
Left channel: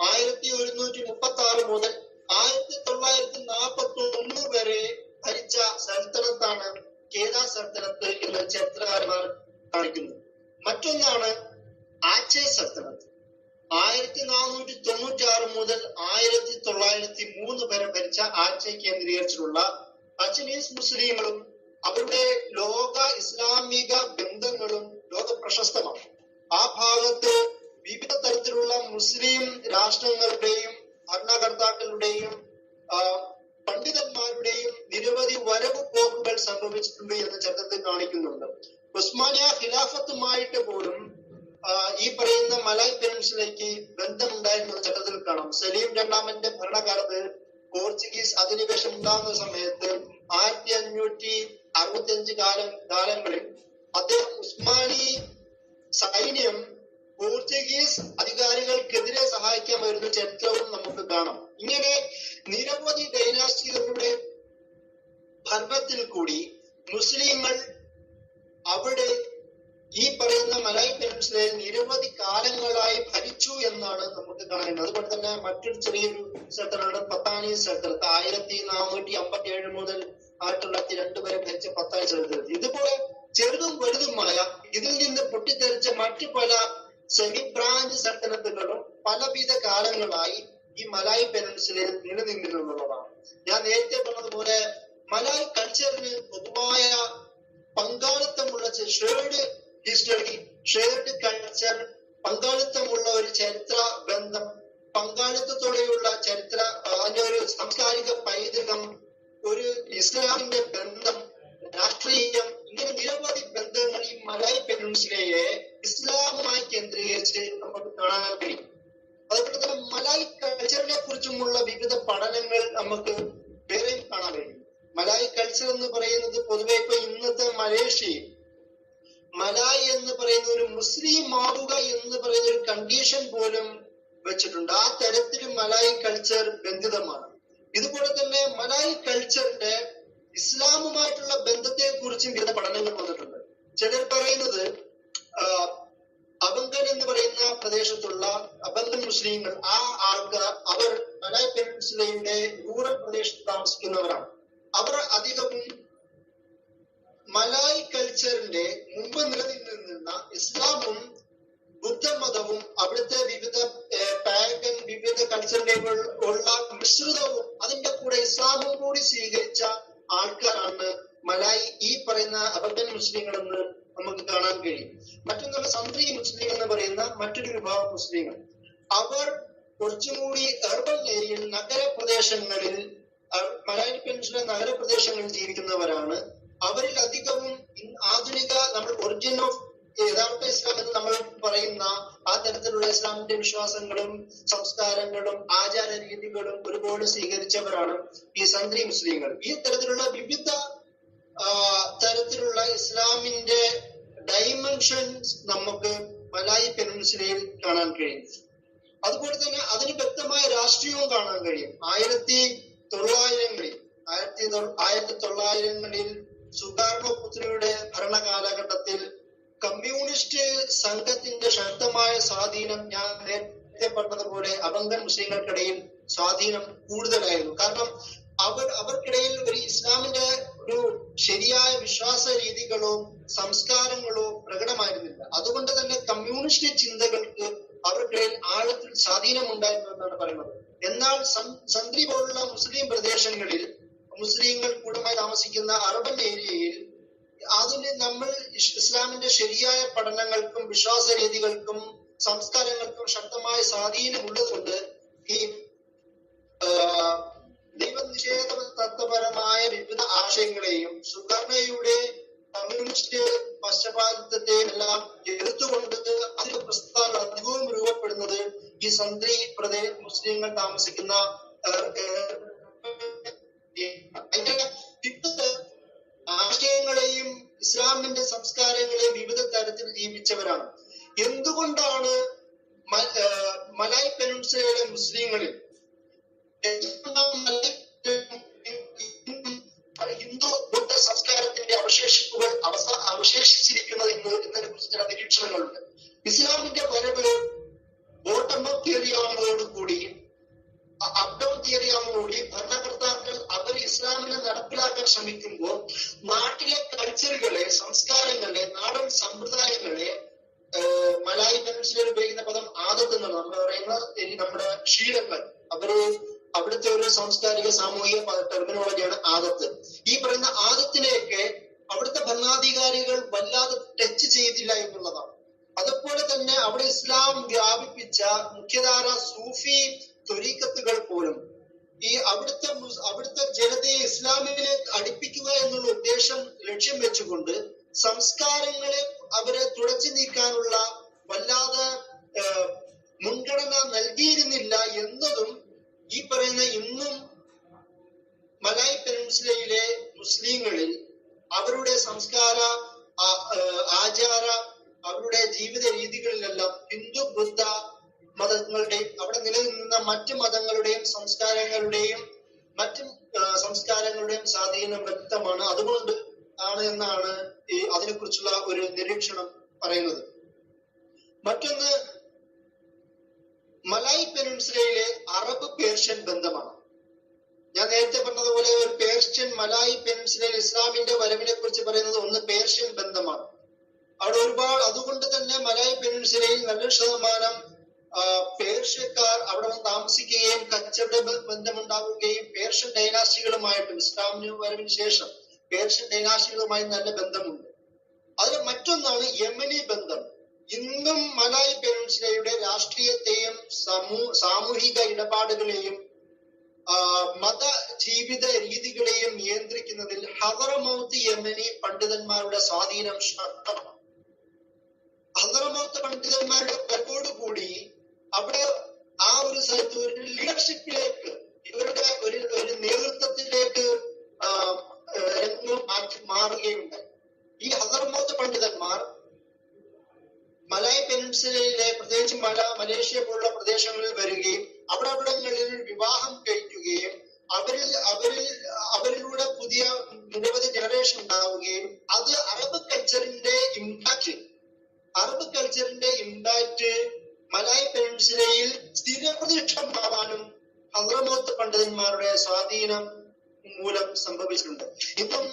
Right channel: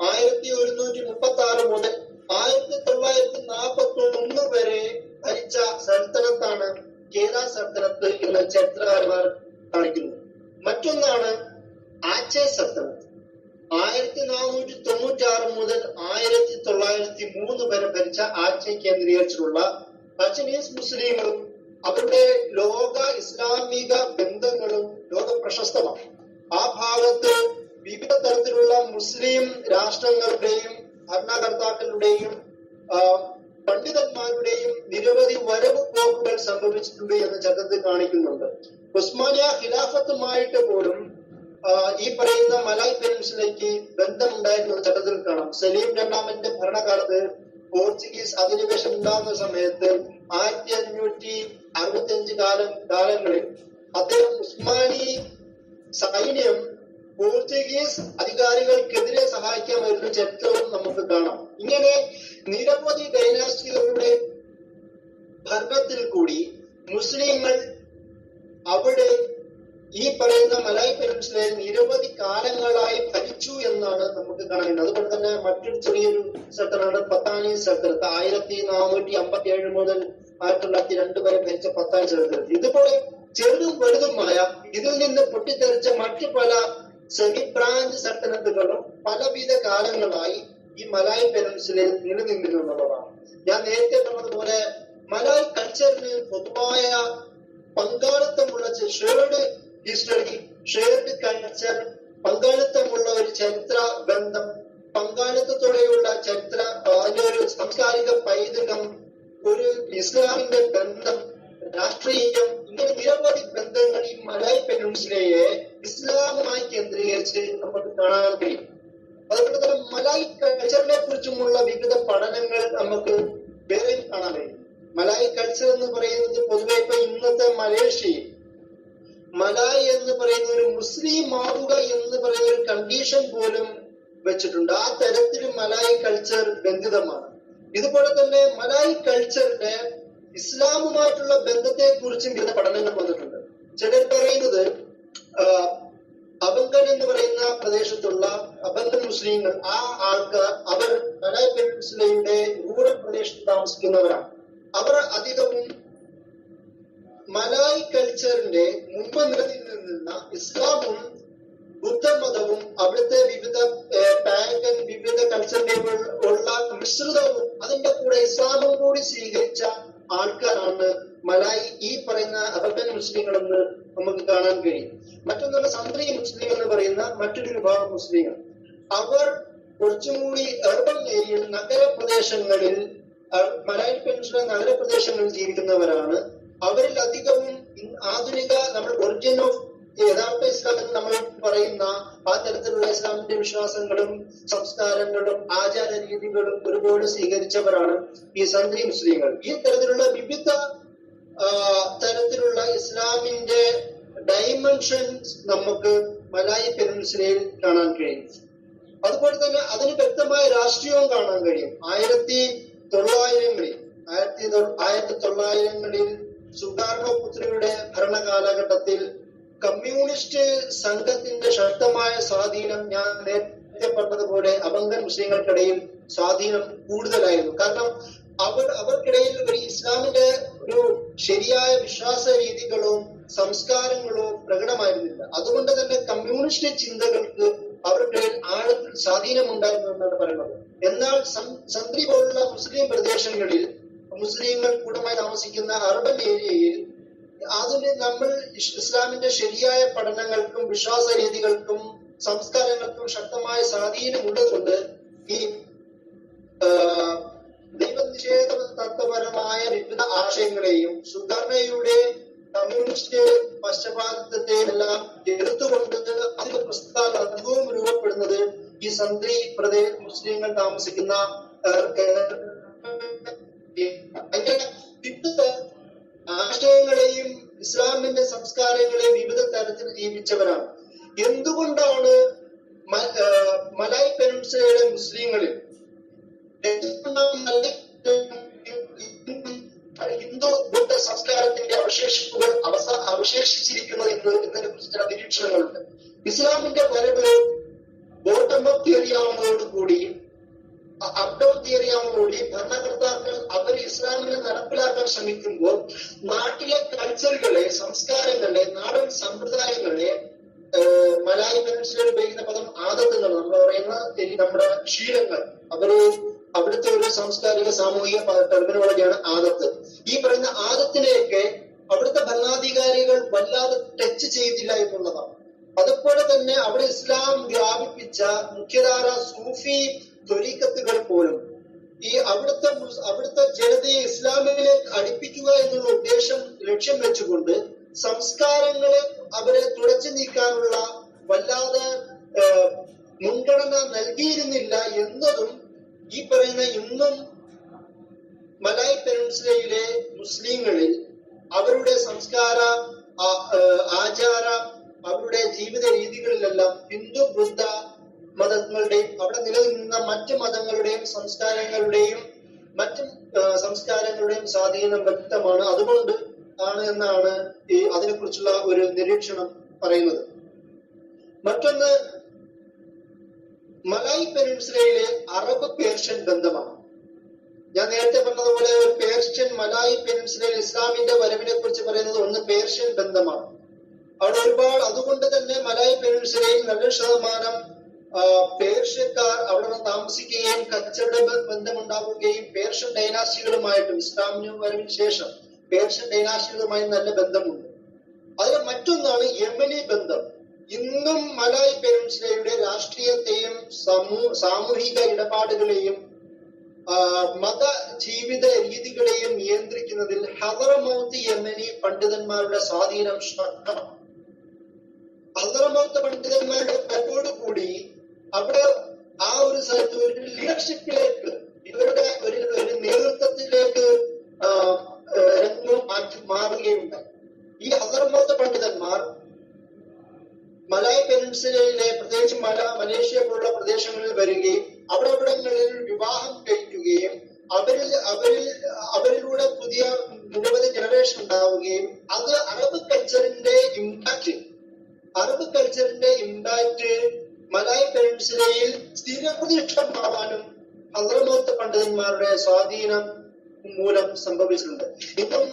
1136 മുതൽ 1941 വരെ ഭരിച്ച സൽത്തനത്താണ് കേദ സൽത്തനത്ത് എന്ന് ചരിത്രകാരന്മാർ കാണിക്കുന്നു. മറ്റൊന്നാണ് ആച്ചെ സൽത്തനത്ത്. 1496 മുതൽ 1903 വരെ ഭരിച്ച ആച്ചെ കേന്ദ്രീകരിച്ചിട്ടുള്ള അച്ചനീസ് മുസ്ലിങ്ങളും അവരുടെ ലോക ഇസ്ലാമിക ബന്ധങ്ങളും ലോക പ്രശസ്തമാണ്. ആ ഭാഗത്ത് വിവിധ തരത്തിലുള്ള മുസ്ലിം രാഷ്ട്രങ്ങളുടെയും ഭരണകർത്താക്കളുടെയും പണ്ഡിതന്മാരുടെയും നിരവധി വരവ് പോക്കുകൾ സംഭവിച്ചിട്ടുണ്ട് എന്ന് ചരിത്രത്തിൽ കാണിക്കുന്നുണ്ട്. ഉസ്മാനിയ ഖിലാഫത്തുമായിട്ട് പോലും ഈ പറയുന്ന മലായ് പെനിൻസുലയ്ക്ക് ബന്ധമുണ്ടായിരുന്നത് ചരിത്രത്തിൽ കാണാം. സലീം രണ്ടാമന്റെ ഭരണകാലത്ത് പോർച്ചുഗീസ് അധിനിവേശം ഉണ്ടാകുന്ന സമയത്ത് 1565 കാലങ്ങളിൽ അദ്ദേഹം ഉസ്മാനി സൈന്യം പോർച്ചുഗീസ് അധികാരികൾക്കെതിരെ സഹായിക്കാൻ വരുന്ന ചരിത്രവും നമുക്ക് കാണാം. ഇങ്ങനെ നിരവധി ഡൈനാസ്റ്റികളുടെ ഭരണത്തിൽ കൂടി മുസ്ലിങ്ങൾ അവിടെ ഈ പറയുന്ന മലായ് പെനിൻസുലയിൽ നിരവധി കാലങ്ങളായി ഭരിച്ചു എന്നാണ് നമുക്ക് കാണുന്നത്. അതുപോലെ തന്നെ മറ്റൊരു ചെറിയൊരു സ്ഥലത്താണ് പത്താനി സ്ഥലത്ത് 1457 മുതൽ 1902 വരെ ഭരിച്ച പത്താനി സ്ഥലത്ത്. ഇതുപോലെ ചെറുതും വലുതുമായ ഇതിൽ നിന്ന് പൊട്ടിത്തെറിച്ച മറ്റു പല സെമി ബ്രാഞ്ച് സൽത്തനത്തുകളും പലവിധ കാലങ്ങളായി ഈ മലായ് പെനിൻസുലയിൽ നിലനിന്നിരുന്നുള്ളതാണ്. ഞാൻ നേരത്തെ പറഞ്ഞതുപോലെ മലായ് കൾച്ചറിന് പൊതുവായ പങ്കാളിത്തമുള്ള ഷെയർഡ് ഹിസ്റ്ററി, ഷെയർഡ് കൾച്ചർ, പങ്കാളിത്തമുള്ള ഒരു ചരിത്ര ബന്ധം, പങ്കാളിത്തത്തോടെയുള്ള ചരിത്ര അതിന്റെ ഒരു സാംസ്കാരിക പൈതൃകം, ഒരു ഇസ്ലാമിന്റെ ബന്ധം, രാഷ്ട്രീയം, ഇങ്ങനെ നിരവധി ബന്ധങ്ങൾ ഈ മലായ് പെനിൻസുലയെ ഇസ്ലാമുമായി കേന്ദ്രീകരിച്ച് നമുക്ക് കാണാൻ കഴിയും. അതുപോലെ തന്നെ മലായ് കൾച്ചറിനെ കുറിച്ചുമുള്ള വിവിധ പഠനങ്ങൾ നമുക്ക് വേറെയും കാണാൻ കഴിയും. മലായ് കൾച്ചർ എന്ന് പറയുന്നത് പൊതുവെ ഇപ്പൊ ഇന്നത്തെ മലേഷ്യയിൽ മലായ് എന്ന് പറയുന്ന ഒരു മുസ്ലിം ആവുക എന്ന് പറയുന്ന ഒരു കണ്ടീഷൻ പോലും വെച്ചിട്ടുണ്ട്. ആ തരത്തിൽ മലായ് കൾച്ചർ ബന്ധിതമാണ്. ഇതുപോലെ തന്നെ മലായ് കൾച്ചറിന്റെ ഇസ്ലാമുമായിട്ടുള്ള ബന്ധത്തെ കുറിച്ചും വിവിധ പഠനങ്ങൾ വന്നിട്ടുണ്ട്. ചിലർ പറയുന്നത് അബങ്കൻ എന്ന് പറയുന്ന പ്രദേശത്തുള്ള അബങ്കൻ മുസ്ലിങ്ങൾ, ആ ആൾക്കാർ അവർ മലായ് പെനിൻസുലയുടെ റൂറൽ പ്രദേശത്ത് താമസിക്കുന്നവരാണ്. അവർ അധികവും മലായ് കൾച്ചറിന്റെ മുമ്പ് നിലനിന്നിരുന്ന ഇസ്ലാമും ബുദ്ധമതവും അവിടുത്തെ വിവിധ പാഗൻ വിവിധ കൾച്ചറിന്റെ ഉള്ള മിശ്രിതവും അതിന്റെ കൂടെ ഇസ്ലാമും കൂടി സ്വീകരിച്ച ആൾക്കാരാണ് മലായ് ഈ പറയുന്ന അബങ്കൻ മുസ്ലിങ്ങളെന്ന് നമുക്ക് കാണാൻ കഴിയും. മറ്റൊന്നുള്ള സന്ത്രി മുസ്ലിം എന്ന് പറയുന്ന മറ്റൊരു വിഭാഗം മുസ്ലിങ്ങൾ, അവർ കുറച്ചുകൂടി അർബൻ ഏരിയയിൽ നഗരപ്രദേശങ്ങളിൽ മലായ് പെനിൻസുല നഗരപ്രദേശങ്ങളിൽ ജീവിക്കുന്നവരാണ്. അവരിൽ അധികവും ആധുനിക നമ്മൾ ഒറിജിൻ ഓഫ് യഥാർത്ഥ ഇസ്ലാം എന്ന് നമ്മൾ പറയുന്ന ആ തരത്തിലുള്ള ഇസ്ലാമിന്റെ വിശ്വാസങ്ങളും സംസ്കാരങ്ങളും ആചാര രീതികളും ഒരുപാട് സ്വീകരിച്ചവരാണ് ഈ സന്ത്രി മുസ്ലിങ്ങൾ. ഈ തരത്തിലുള്ള വിവിധ തരത്തിലുള്ള ഇസ്ലാമിന്റെ ഡൈമെൻഷൻസ് നമുക്ക് മലായ് പെനിൻസുലയിൽ കാണാൻ കഴിയും. അതുപോലെ തന്നെ അതിന് വ്യക്തമായ രാഷ്ട്രീയവും കാണാൻ കഴിയും. 1900കളിൽ സുകാർണോ പുത്രിയുടെ ഭരണകാലഘട്ടത്തിൽ കമ്മ്യൂണിസ്റ്റ് സംഘത്തിന്റെ ശക്തമായ സ്വാധീനം, ഞാൻ നേരത്തെ പറഞ്ഞതുപോലെ അബങ്കൻ മുസ്ലിങ്ങൾക്കിടയിൽ സ്വാധീനം കൂടുതലായിരുന്നു. കാരണം അവർക്കിടയിൽ ഒരു ഇസ്ലാമിന്റെ ഒരു ശരിയായ വിശ്വാസ രീതികളോ സംസ്കാരങ്ങളോ പ്രകടമായിരുന്നില്ല. അതുകൊണ്ട് തന്നെ കമ്മ്യൂണിസ്റ്റ് ചിന്തകൾക്ക് അവർക്കിടയിൽ ആഴത്തിൽ സ്വാധീനമുണ്ടായിരുന്നു എന്നാണ് പറയുന്നത്. എന്നാൽ സന്ത്രി പോലുള്ള മുസ്ലിം പ്രദേശങ്ങളിൽ മുസ്ലിങ്ങൾ കൂട്ടമായി താമസിക്കുന്ന അർബൻ ഏരിയയിൽ അതിന് നമ്മൾ ഇസ്ലാമിന്റെ ശരിയായ പഠനങ്ങൾക്കും വിശ്വാസ രീതികൾക്കും സംസ്കാരങ്ങൾക്കും ശക്തമായ സ്വാധീനമുള്ളതുകൊണ്ട് ഈ ദൈവനിഷേധ തത്വപരമായ വിവിധ ആശയങ്ങളെയും സുഗർണയുടെ കമ്മ്യൂണിസ്റ്റ് പശ്ചാത്തലത്തെയും എല്ലാം എതിർത്തുകൊണ്ട് അതിന്റെ പ്രസ്ഥാനം അധികവും രൂപപ്പെടുന്നത് ഈ സന്ത്രി പ്രദേശ മുസ്ലിങ്ങൾ താമസിക്കുന്ന വിവിധ ആശയങ്ങളെയും ഇസ്ലാമിന്റെ സംസ്കാരങ്ങളെയും വിവിധ തരത്തിൽ ജീവിച്ചവരാണ്. എന്തുകൊണ്ടാണ് മലായ് പെനിൻസുലയിലെ മുസ്ലിങ്ങളിൽ ഹിന്ദു ബുദ്ധ സംസ്കാരത്തിന്റെ അവശേഷിപ്പുകൾ അവശേഷിച്ചിരിക്കുന്നത് എന്നതിനെ കുറിച്ച് ചില നിരീക്ഷണങ്ങളുണ്ട്. ഇസ്ലാമിന്റെ വരവ് ബോട്ടം അപ്പ് തിയറി ആവുന്നതോടുകൂടി അപ് ഡൗൺ തിയറി ആവുന്നതോടുകൂടി ഭരണകർത്താക്കൾ അവർ ഇസ്ലാമിനെ നടപ്പിലാക്കാൻ ശ്രമിക്കുമ്പോൾ നാട്ടിലെ കൾച്ചറുകളെ, സംസ്കാരങ്ങളെ, നാടൻ സമ്പ്രദായങ്ങളെ, മലായ് പെനിൻസുലയിൽ ഉപയോഗിക്കുന്ന പദം ആദത്ത് എന്നാണ് നമ്മൾ പറയുന്ന നമ്മുടെ ശീലങ്ങൾ, അവിടുത്തെ ഒരു സാംസ്കാരിക സാമൂഹിക ടെർമിനോളജിയാണ് ആദത്ത്. ഈ പറയുന്ന ആദത്തിനെയൊക്കെ അവിടുത്തെ ഭരണാധികാരികൾ വല്ലാതെ ടച്ച് ചെയ്തില്ല എന്നുള്ളതാണ്. അതുപോലെ തന്നെ അവിടെ ഇസ്ലാം വ്യാപിപ്പിച്ച മുഖ്യധാര സൂഫി ത്വരീഖത്തുകൾ പോലും ഈ അവിടുത്തെ ജനതയെ ഇസ്ലാമിനെ അടുപ്പിക്കുക എന്നുള്ള ഉദ്ദേശം ലക്ഷ്യം വെച്ചുകൊണ്ട് സംസ്കാരങ്ങളെ അവരെ തുടച്ചു നീക്കാനുള്ള വല്ലാതെ മുൻഗണന നൽകിയിരുന്നില്ല എന്നതും ഈ പറയുന്ന ഇന്നും മലായ് പെനിൻസുലയിലെ മുസ്ലിങ്ങളിൽ അവരുടെ സംസ്കാര ആചാര അവരുടെ ജീവിത രീതികളിലെല്ലാം ഹിന്ദു ബുദ്ധ മതങ്ങളുടെയും അവിടെ നിലനിന്ന മറ്റു മതങ്ങളുടെയും സംസ്കാരങ്ങളുടെയും സ്വാധീനം വ്യക്തമാണ്. അതുകൊണ്ട് ആണ് എന്നാണ് ഈ അതിനെക്കുറിച്ചുള്ള ഒരു നിരീക്ഷണം പറയുന്നത്. മറ്റൊന്ന്, മലായ് പെനിൻസുലയിലെ അറബ് പേർഷ്യൻ ബന്ധമാണ്. ഞാൻ നേരത്തെ പറഞ്ഞതുപോലെ ഒരു പേർഷ്യൻ മലായ് പെനിൻസുലയിൽ ഇസ്ലാമിന്റെ വരവിനെ കുറിച്ച് പറയുന്നത് ഒന്ന് പേർഷ്യൻ ബന്ധമാണ്. അവിടെ ഒരുപാട്, അതുകൊണ്ട് തന്നെ മലായ് പെനിൻസുലയിൽ നല്ല ശതമാനം പേർഷ്യക്കാർ അവിടെ താമസിക്കുകയും കച്ചവട ബന്ധമുണ്ടാവുകയും പേർഷ്യൻ ഡൈനാസ്റ്റികളുമായിട്ടും ഇസ്ലാമിന് വരവിന് ശേഷം പേർഷ്യൻ ഡൈനാസ്റ്റികളുമായി നല്ല ബന്ധമുണ്ട്. അതിൽ മറ്റൊന്നാണ് യമനി ബന്ധം. ഇന്നും മലായ് പെനിൻസുലയുടെ രാഷ്ട്രീയത്തെയും സാമൂഹിക ഇടപാടുകളെയും മത ജീവിത രീതികളെയും നിയന്ത്രിക്കുന്നതിൽ ഹദറമൗത്ത് യമനി പണ്ഡിതന്മാരുടെ സ്വാധീനം ശക്തമാണ്. ഹദറമൗത്ത് പണ്ഡിതന്മാരുടെ കൂടി അവിടെ ആ ഒരു സ്ഥലത്ത് ഒരു ലീഡർഷിപ്പിലേക്ക്, ഇവരുടെ ഒരു നേതൃത്വത്തിലേക്ക് മാറുകയുണ്ടായി. ഈ ഹദറമൗത്ത് പണ്ഡിതന്മാർ മലായ് പെനിൻസുലയിലെ പ്രത്യേകിച്ച് മലേഷ്യ പോലുള്ള പ്രദേശങ്ങളിൽ വരികയും അവിടങ്ങളിൽ വിവാഹം കഴിക്കുകയും അവരിലൂടെ പുതിയ നിരവധി ജനറേഷൻ ഉണ്ടാവുകയും അത് അറബ് കൾച്ചറിന്റെ ഇമ്പാക്ട് മലായ് പെനിൻസുലയിൽ സ്ഥിരപ്രതിഷ്ഠമാവാനും ഹദറമൗത്ത് പണ്ഡിതന്മാരുടെ സ്വാധീനം മൂലം സംഭവിച്ചിട്ടുണ്ട്. ഇപ്പം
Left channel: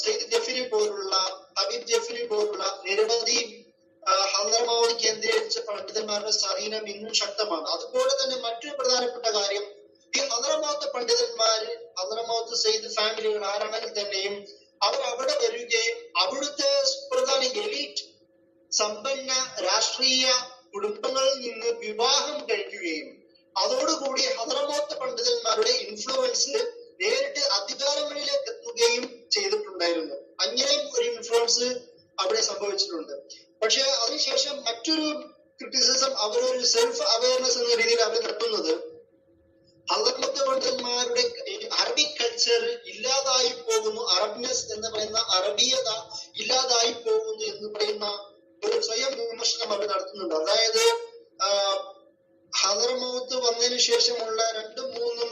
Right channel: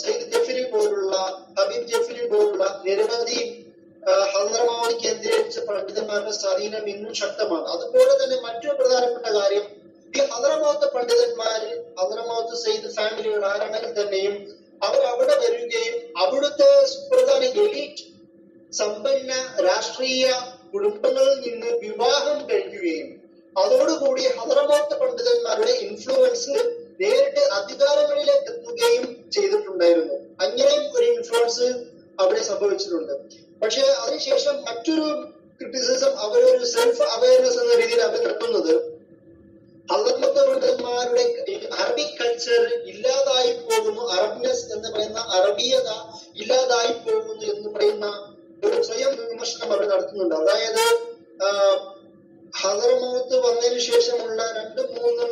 സയ്യിദ് ജഫരി പോലുള്ള ഹബീബ് ജഫരി പോലുള്ള നിരവധി ഹദറമൗത്ത് കേന്ദ്രീകരിച്ച പണ്ഡിതന്മാരുടെ സ്വാധീനം ഇന്നും ശക്തമാണ്. അതുപോലെ തന്നെ മറ്റൊരു പ്രധാനപ്പെട്ട കാര്യം, ഈ ഹദറമൗത്ത് പണ്ഡിതന്മാര്, ഹദറമൗത്ത് സയ്യിദ് ഫാമിലികൾ ആരാണെങ്കിൽ തന്നെയും അവർ അവിടെ വരികയും അവിടുത്തെ സുപ്രധാന എലീറ്റ് സമ്പന്ന രാഷ്ട്രീയ കുടുംബങ്ങളിൽ നിന്ന് വിവാഹം കഴിക്കുകയും അതോടുകൂടി ഹദറമൗത്ത് പണ്ഡിതന്മാരുടെ ഇൻഫ്ലുവൻസ് നേരിട്ട് അധികാരങ്ങളിലേക്ക് എത്തുകയും ചെയ്തിട്ടുണ്ടായിരുന്നു. അങ്ങനെയും ഒരു ഇൻഫ്ലുവൻസ് അവിടെ സംഭവിച്ചിട്ടുണ്ട്. പക്ഷെ അതിനുശേഷം മറ്റൊരു ക്രിറ്റിസിസം, അവരൊരു സെൽഫ് അവയർനെസ് എന്ന രീതിയിൽ അവർ നടത്തുന്നത് ഹദറമൗത്ത് പണ്ഡിതന്മാരുടെ അറബിക് കൾച്ചർ ഇല്ലാതായി പോകുന്നു, അറബ്നെസ് എന്ന് പറയുന്ന അറബീയത ഇല്ലാതായി പോകുന്നു എന്ന് പറയുന്ന ഒരു സ്വയം വിമർശനം അവർ നടത്തുന്നുണ്ട്. അതായത് ഹദറമൗത്ത് വന്നതിന് ശേഷമുള്ള 2-3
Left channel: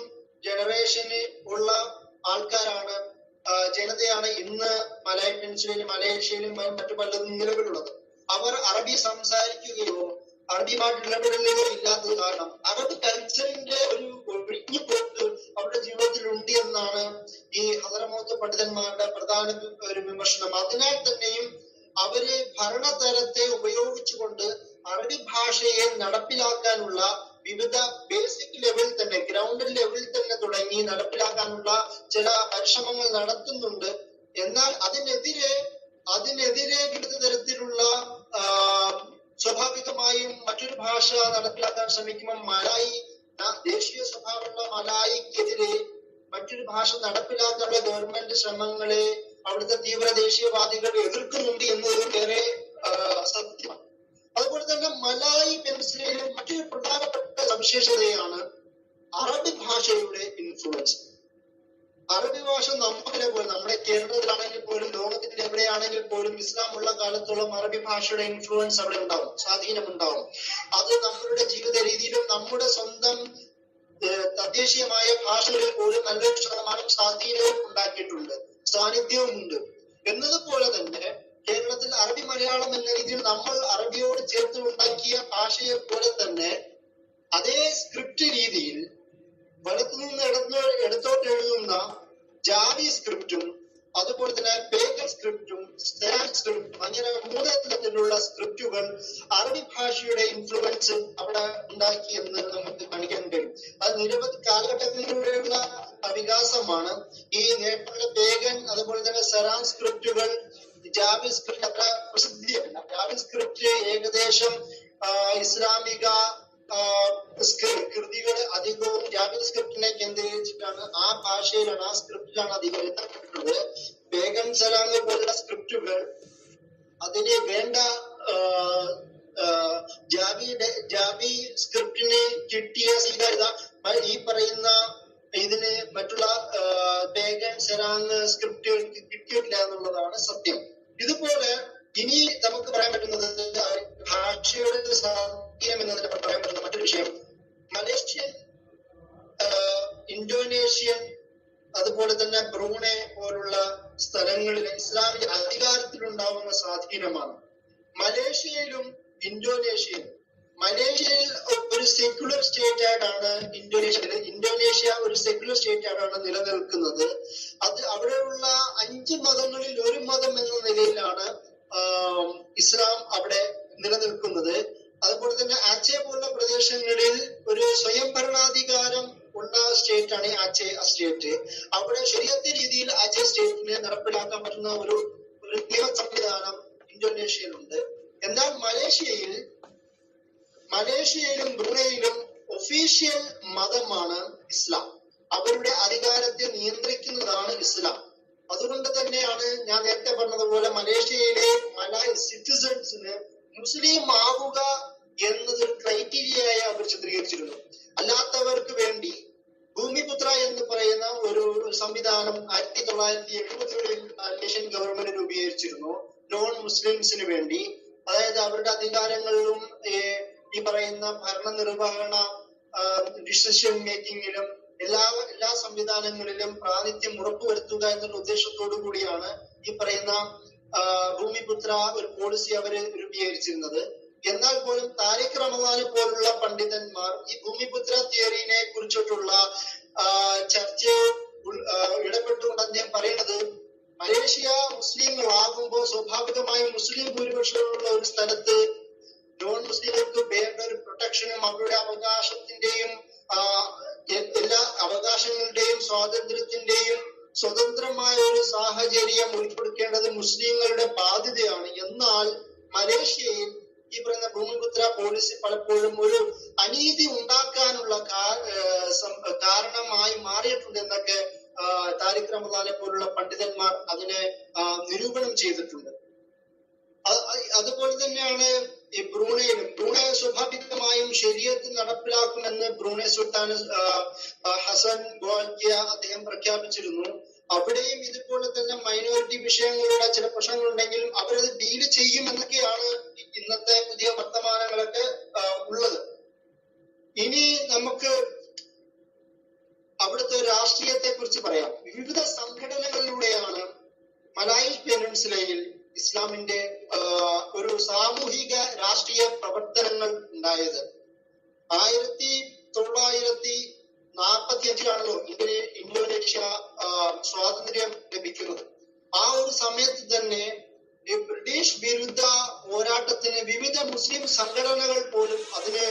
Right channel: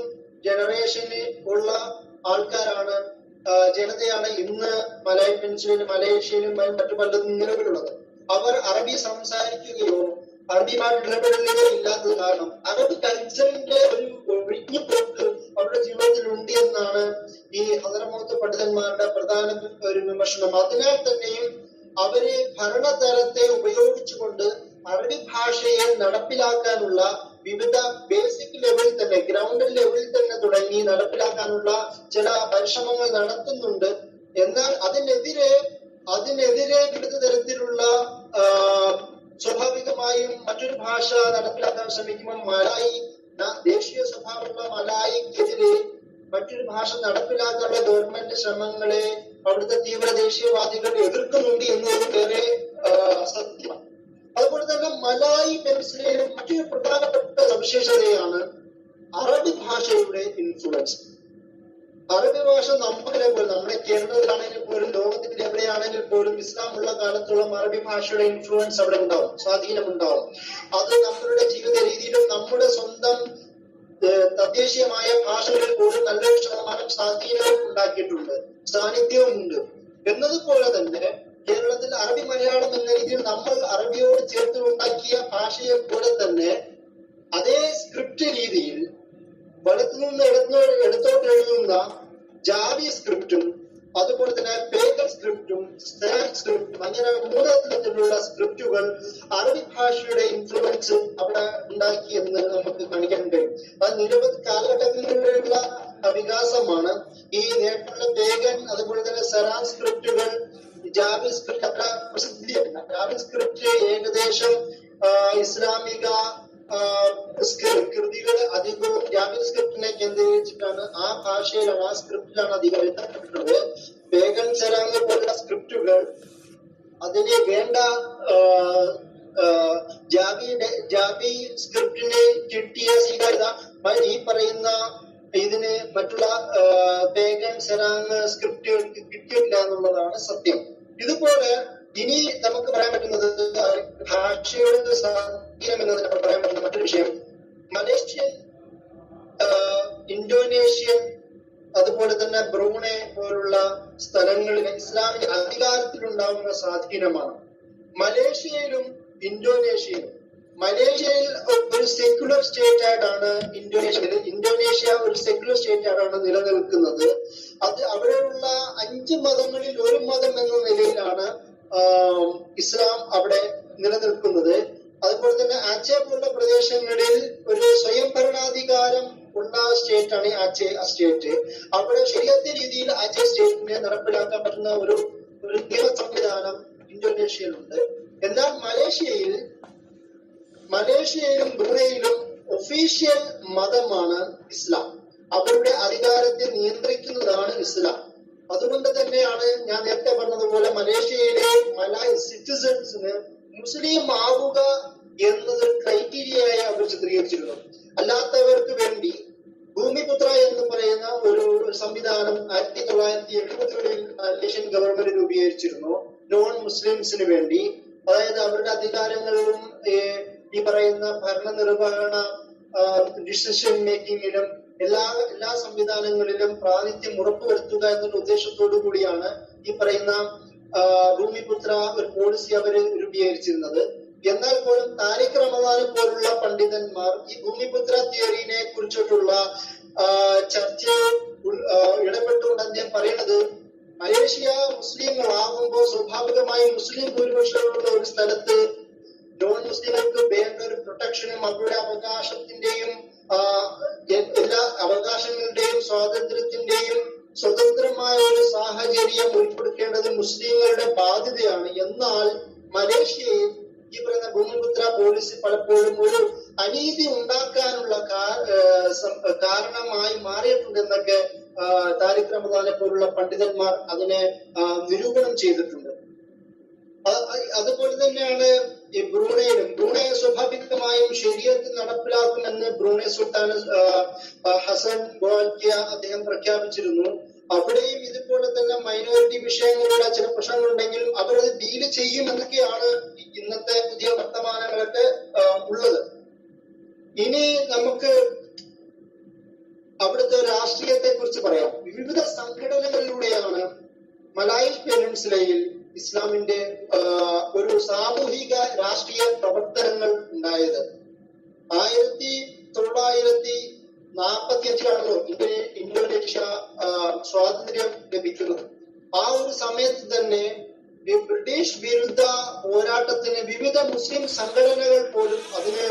ജനറേഷന് ഉള്ള ആൾക്കാരാണ്, ജനതയാണ് ഇന്ന് മലായ് പെനിൻസുലയിലും മലേഷ്യയിലും മറ്റു പലതും നിലവിലുള്ളത്. അവർ അറബി സംസാരിക്കുകയോ അറബിയുമായിട്ട് ഇടപെടലുകയോ ഇല്ലാത്തത് കാരണം അറബ് കൾച്ചറിന്റെ ഒരു ഒഴുകിപ്പോക്ക് അവരുടെ ജീവിതത്തിൽ ഉണ്ട് എന്നാണ് ഈ ഹദറമൗത്ത് പണ്ഡിതന്മാരുടെ പ്രധാന ഒരു വിമർശനം. അതിനാൽ തന്നെയും അവര് ഭരണതലത്തെ ഉപയോഗിച്ചുകൊണ്ട് അറബി ഭാഷയെ നടപ്പിലാക്കാനുള്ള വിവിധ ബേസിക് ലെവലിൽ തന്നെ, ഗ്രൗണ്ട് ലെവലിൽ തന്നെ തുടങ്ങി നടപ്പിലാക്കാനുള്ള ചില പരിശ്രമങ്ങൾ നടത്തുന്നുണ്ട്. എന്നാൽ അതിനെതിരെ വിവിധ തരത്തിലുള്ള സ്വാഭാവികമായും മറ്റൊരു ഭാഷ നടപ്പിലാക്കാൻ ശ്രമിക്കുമ്പോൾ ദേശീയ സ്വഭാവമുള്ള മലായിക്കെതിരെ മറ്റൊരു ഭാഷ നടപ്പിലാക്കാനുള്ള ഗവൺമെന്റ് ശ്രമങ്ങളെ അവിടുത്തെ തീവ്ര ദേശീയവാദികൾ എതിർക്കുന്നുണ്ട് എന്നത് ഏറെ സത്യമാണ്. അതുപോലെ തന്നെ മലായ് പെനിൻസുലയിലെ മറ്റൊരു പ്രധാനപ്പെട്ട സവിശേഷതയാണ് അറബി ഭാഷയുടെ ഇൻഫ്ലുവൻസ്. അറബി ഭാഷ നമ്മുടെ കേരളത്തിലാണെങ്കിൽ പോലും ലോകത്തിന്റെ എവിടെയാണെങ്കിൽ പോലും ഇസ്ലാം ഉള്ള കാലത്തോളം അറബി ഭാഷയുടെ ഇൻഫ്ലുവൻസ് അവിടെ ഉണ്ടാവും, സ്വാധീനം ഉണ്ടാവും. അത് നമ്മളുടെ ജീവിത രീതിയിലും നമ്മുടെ സ്വന്തം തദ്ദേശീയമായ ഭാഷകളിൽ പോലും നല്ലൊരു ശതമാനം സ്വാധീനവും ഉണ്ടാക്കിയിട്ടുണ്ട്, സാന്നിധ്യവും ഉണ്ട്. എന്നതുപോലെ തന്നെ കേരളത്തിൽ അറബി മലയാളം എന്ന രീതിയിൽ നമ്മൾ അറബിയോട് ചേർത്ത് ഉണ്ടാക്കിയ ഭാഷയെ പോലെ തന്നെ അതേ സ്ക്രിപ്റ്റ് രീതിയിൽ വലത്തുനിന്ന് എടുത്തോട്ട് എഴുതുന്ന ജാവി സ്ക്രിപ്റ്റും അതുപോലെ തന്നെ പേഗൻ സ്ക്രിപ്റ്റും സ്റ്റാൻഡ് സ്ക്രിപ്റ്റും അങ്ങനെ 3 തരത്തിലുള്ള സ്ക്രിപ്റ്റുകൾ അറബി ഭാഷയുടെ ഇൻഫ്ലുവൻസ് അവിടെ ഉണ്ടാക്കി എന്ന് നമുക്ക് കാണിക്കാൻ കഴിയും. അത് നിരവധി കാലഘട്ടങ്ങളിലൂടെയുള്ള വികാസമാണ്. ഈ നേരത്തെ പേഗൻ അതുപോലെ തന്നെ സെറാൻ സ്ക്രിപ്റ്റുകൾ, ജാവി സ്ക്രിപ്റ്റ് അത്ര പ്രസിദ്ധിയല്ല. ജാവി സ്ക്രിപ്റ്റ് ഏകദേശം ഇസ്ലാമിക കൃതികൾ അധികവും ജാവി സ്ക്രിപ്റ്റിനെ കേന്ദ്രീകരിച്ചിട്ടാണ്, ആ ഭാഷയിലാണ്, ആ സ്ക്രിപ്റ്റിലാണ് അധികം എഴുതപ്പെട്ടിട്ടുള്ളത്. പേഗൻ സെറാങ് പോലുള്ള സ്ക്രിപ്റ്റുകൾ അതിന് വേണ്ട ജാവി സ്ക്രിപ്റ്റിന് കിട്ടിയ സ്വീകാര്യത ഈ പറയുന്ന ഇതിന് മറ്റുള്ള പേഗൻ സെറാങ് സ്ക്രിപ്റ്റുകൾക്ക് കിട്ടിയിട്ടില്ല എന്നുള്ളതാണ് സത്യം. ഇതുപോലെ ഇനി നമുക്ക് പറയാൻ പറ്റുന്നത് ഭാഷയുടെ സ്വാധീനം എന്നതിനെ പറയാൻ പറ്റുന്ന മറ്റൊരു വിഷയം മലേഷ്യൻ, ഇന്തോനേഷ്യൻ, അതുപോലെ തന്നെ ബ്രൂണെ പോലുള്ള സ്ഥലങ്ങളിൽ ഇസ്ലാമിക അധികാരത്തിലുണ്ടാവുന്ന സ്വാധീനമാണ്. മലേഷ്യയിലും ഇന്തോനേഷ്യയിലും, മലേഷ്യയിൽ ഒരു സെക്യുലർ സ്റ്റേറ്റ് ആയിട്ടാണ് ഇന്തോനേഷ്യ ഒരു സെക്യുലർ സ്റ്റേറ്റ് ആയിട്ടാണ് നിലനിൽക്കുന്നത്. അത് അവിടെയുള്ള 5 മതങ്ങളിൽ ഒരു മതം എന്ന നിലയിലാണ് ഇസ്ലാം അവിടെ നിലനിൽക്കുന്നത്. അതുപോലെ തന്നെ ആച്ചെ പോലുള്ള പ്രദേശങ്ങളിൽ ഒരു സ്വയം ഭരണാധികാരം ഉള്ള സ്റ്റേറ്റ് ആണ് ആച്ചെ സ്റ്റേറ്റ്. അവിടെ ശരിയായ രീതിയിൽ ആച്ചെ സ്റ്റേറ്റിനെ നടപ്പിലാക്കാൻ പറ്റുന്ന ഒരു നിയമ സംവിധാനം ഇന്തോനേഷ്യയിലുണ്ട്. എന്നാൽ മലേഷ്യയിലും ബ്രൂണയിലും ഒഫീഷ്യൽ മതമാണ് ഇസ്ലാം. അവരുടെ അധികാരത്തെ നിയന്ത്രിക്കുന്നതാണ് ഇസ്ലാം. അതുകൊണ്ട് തന്നെയാണ് ഞാൻ നേരത്തെ പറഞ്ഞതുപോലെ മലേഷ്യയിലെ മലായ് സിറ്റിസൺസിന് മുസ്ലിം ആവുക എന്നത് ക്രൈറ്റീരിയയായി അവർ ചിത്രീകരിച്ചിരുന്നു. അല്ലാത്തവർക്ക് വേണ്ടി ഭൂമിപുത്ര എന്ന് പറയുന്ന ഒരു സംവിധാനം 1970-കളിൽ മലേഷ്യൻ ഗവൺമെന്റ് രൂപീകരിച്ചിരുന്നു നോൺ മുസ്ലിംസിന് വേണ്ടി. അതായത് അവരുടെ അധികാരങ്ങളിലും ഈ പറയുന്ന ഭരണനിർവഹണ ഡിസിഷൻ മേക്കിങ്ങിലും എല്ലാ സംവിധാനങ്ങളിലും പ്രാതിനിധ്യം ഉറപ്പുവരുത്തുക എന്നുള്ള ഉദ്ദേശത്തോടു കൂടിയാണ് ഈ പറയുന്ന ഭൂമിപുത്ര ഒരു പോളിസി അവര് രൂപീകരിച്ചിരുന്നത്. എന്നാൽ പോലും താരിഖ് റമദാനെ പോലുള്ള പണ്ഡിതന്മാർ ഈ ഭൂമിപുത്ര തിയറിനെ കുറിച്ചിട്ടുള്ള ചർച്ചയിൽ ഇടപെട്ടുകൊണ്ട് അദ്ദേഹം പറയുന്നത് മലേഷ്യ മുസ്ലിങ്ങളാകുമ്പോൾ സ്വാഭാവികമായും മുസ്ലിം ഭൂരിപക്ഷമുള്ള ഒരു സ്ഥലത്ത് നോൺ മുസ്ലിങ്ങൾക്ക് വേണ്ട ഒരു പ്രൊട്ടക്ഷനും അവരുടെ അവകാശത്തിന്റെയും എല്ലാ അവകാശങ്ങളുടെയും സ്വാതന്ത്ര്യത്തിന്റെയും സ്വതന്ത്രമായ ഒരു സാഹചര്യം ഉൾപ്പെടുത്തേണ്ടത് മുസ്ലിങ്ങളുടെ ബാധ്യതയാണ്. എന്നാൽ മലേഷ്യയിൽ ഈ പറയുന്ന ഭൂമിപുത്ര പോളിസി പലപ്പോഴും ഒരു അനീതി ഉണ്ടാക്കാനുള്ള കാരണമായി മാറിയിട്ടുണ്ടെന്നൊക്കെ താരിഖ് റമദാനെ പോലുള്ള പണ്ഡിതന്മാർ അതിനെ നിരൂപണം ചെയ്തിട്ടുണ്ട്. അതുപോലെ തന്നെയാണ് ഈ ബ്രൂണെ സ്വാഭാവികമായും ശരീഅത്ത് നടപ്പിലാക്കുമെന്ന് ബ്രൂണെ സുൽത്താൻ ഹസൻ ബോൾക്കിയ അദ്ദേഹം പ്രഖ്യാപിച്ചിരുന്നു. അവിടെയും ഇതുപോലെ തന്നെ മൈനോറിറ്റി വിഷയങ്ങളുടെ ചില പ്രശ്നങ്ങളുണ്ടെങ്കിലും അവരത് ഡീല് ചെയ്യുമെന്നൊക്കെയാണ് ഇന്നത്തെ പുതിയ വർത്തമാനങ്ങളൊക്കെ ഉള്ളത്. ഇനി നമുക്ക് അവിടുത്തെ രാഷ്ട്രീയത്തെ കുറിച്ച് പറയാം. വിവിധ സംഘടനകളിലൂടെയാണ് മലായ് പെനിൻസുലയിൽ ഇസ്ലാമിന്റെ ഒരു സാമൂഹിക രാഷ്ട്രീയ പ്രവർത്തനങ്ങൾ ഉണ്ടായത്. 1945-ലാണല്ലോ ഇന്തോനേഷ്യ സ്വാതന്ത്ര്യം ലഭിക്കുന്നത്. ആ ഒരു സമയത്ത് തന്നെ ഈ ബ്രിട്ടീഷ് വിരുദ്ധ പോരാട്ടത്തിന് വിവിധ മുസ്ലിം സംഘടനകൾ പോലും അതിന്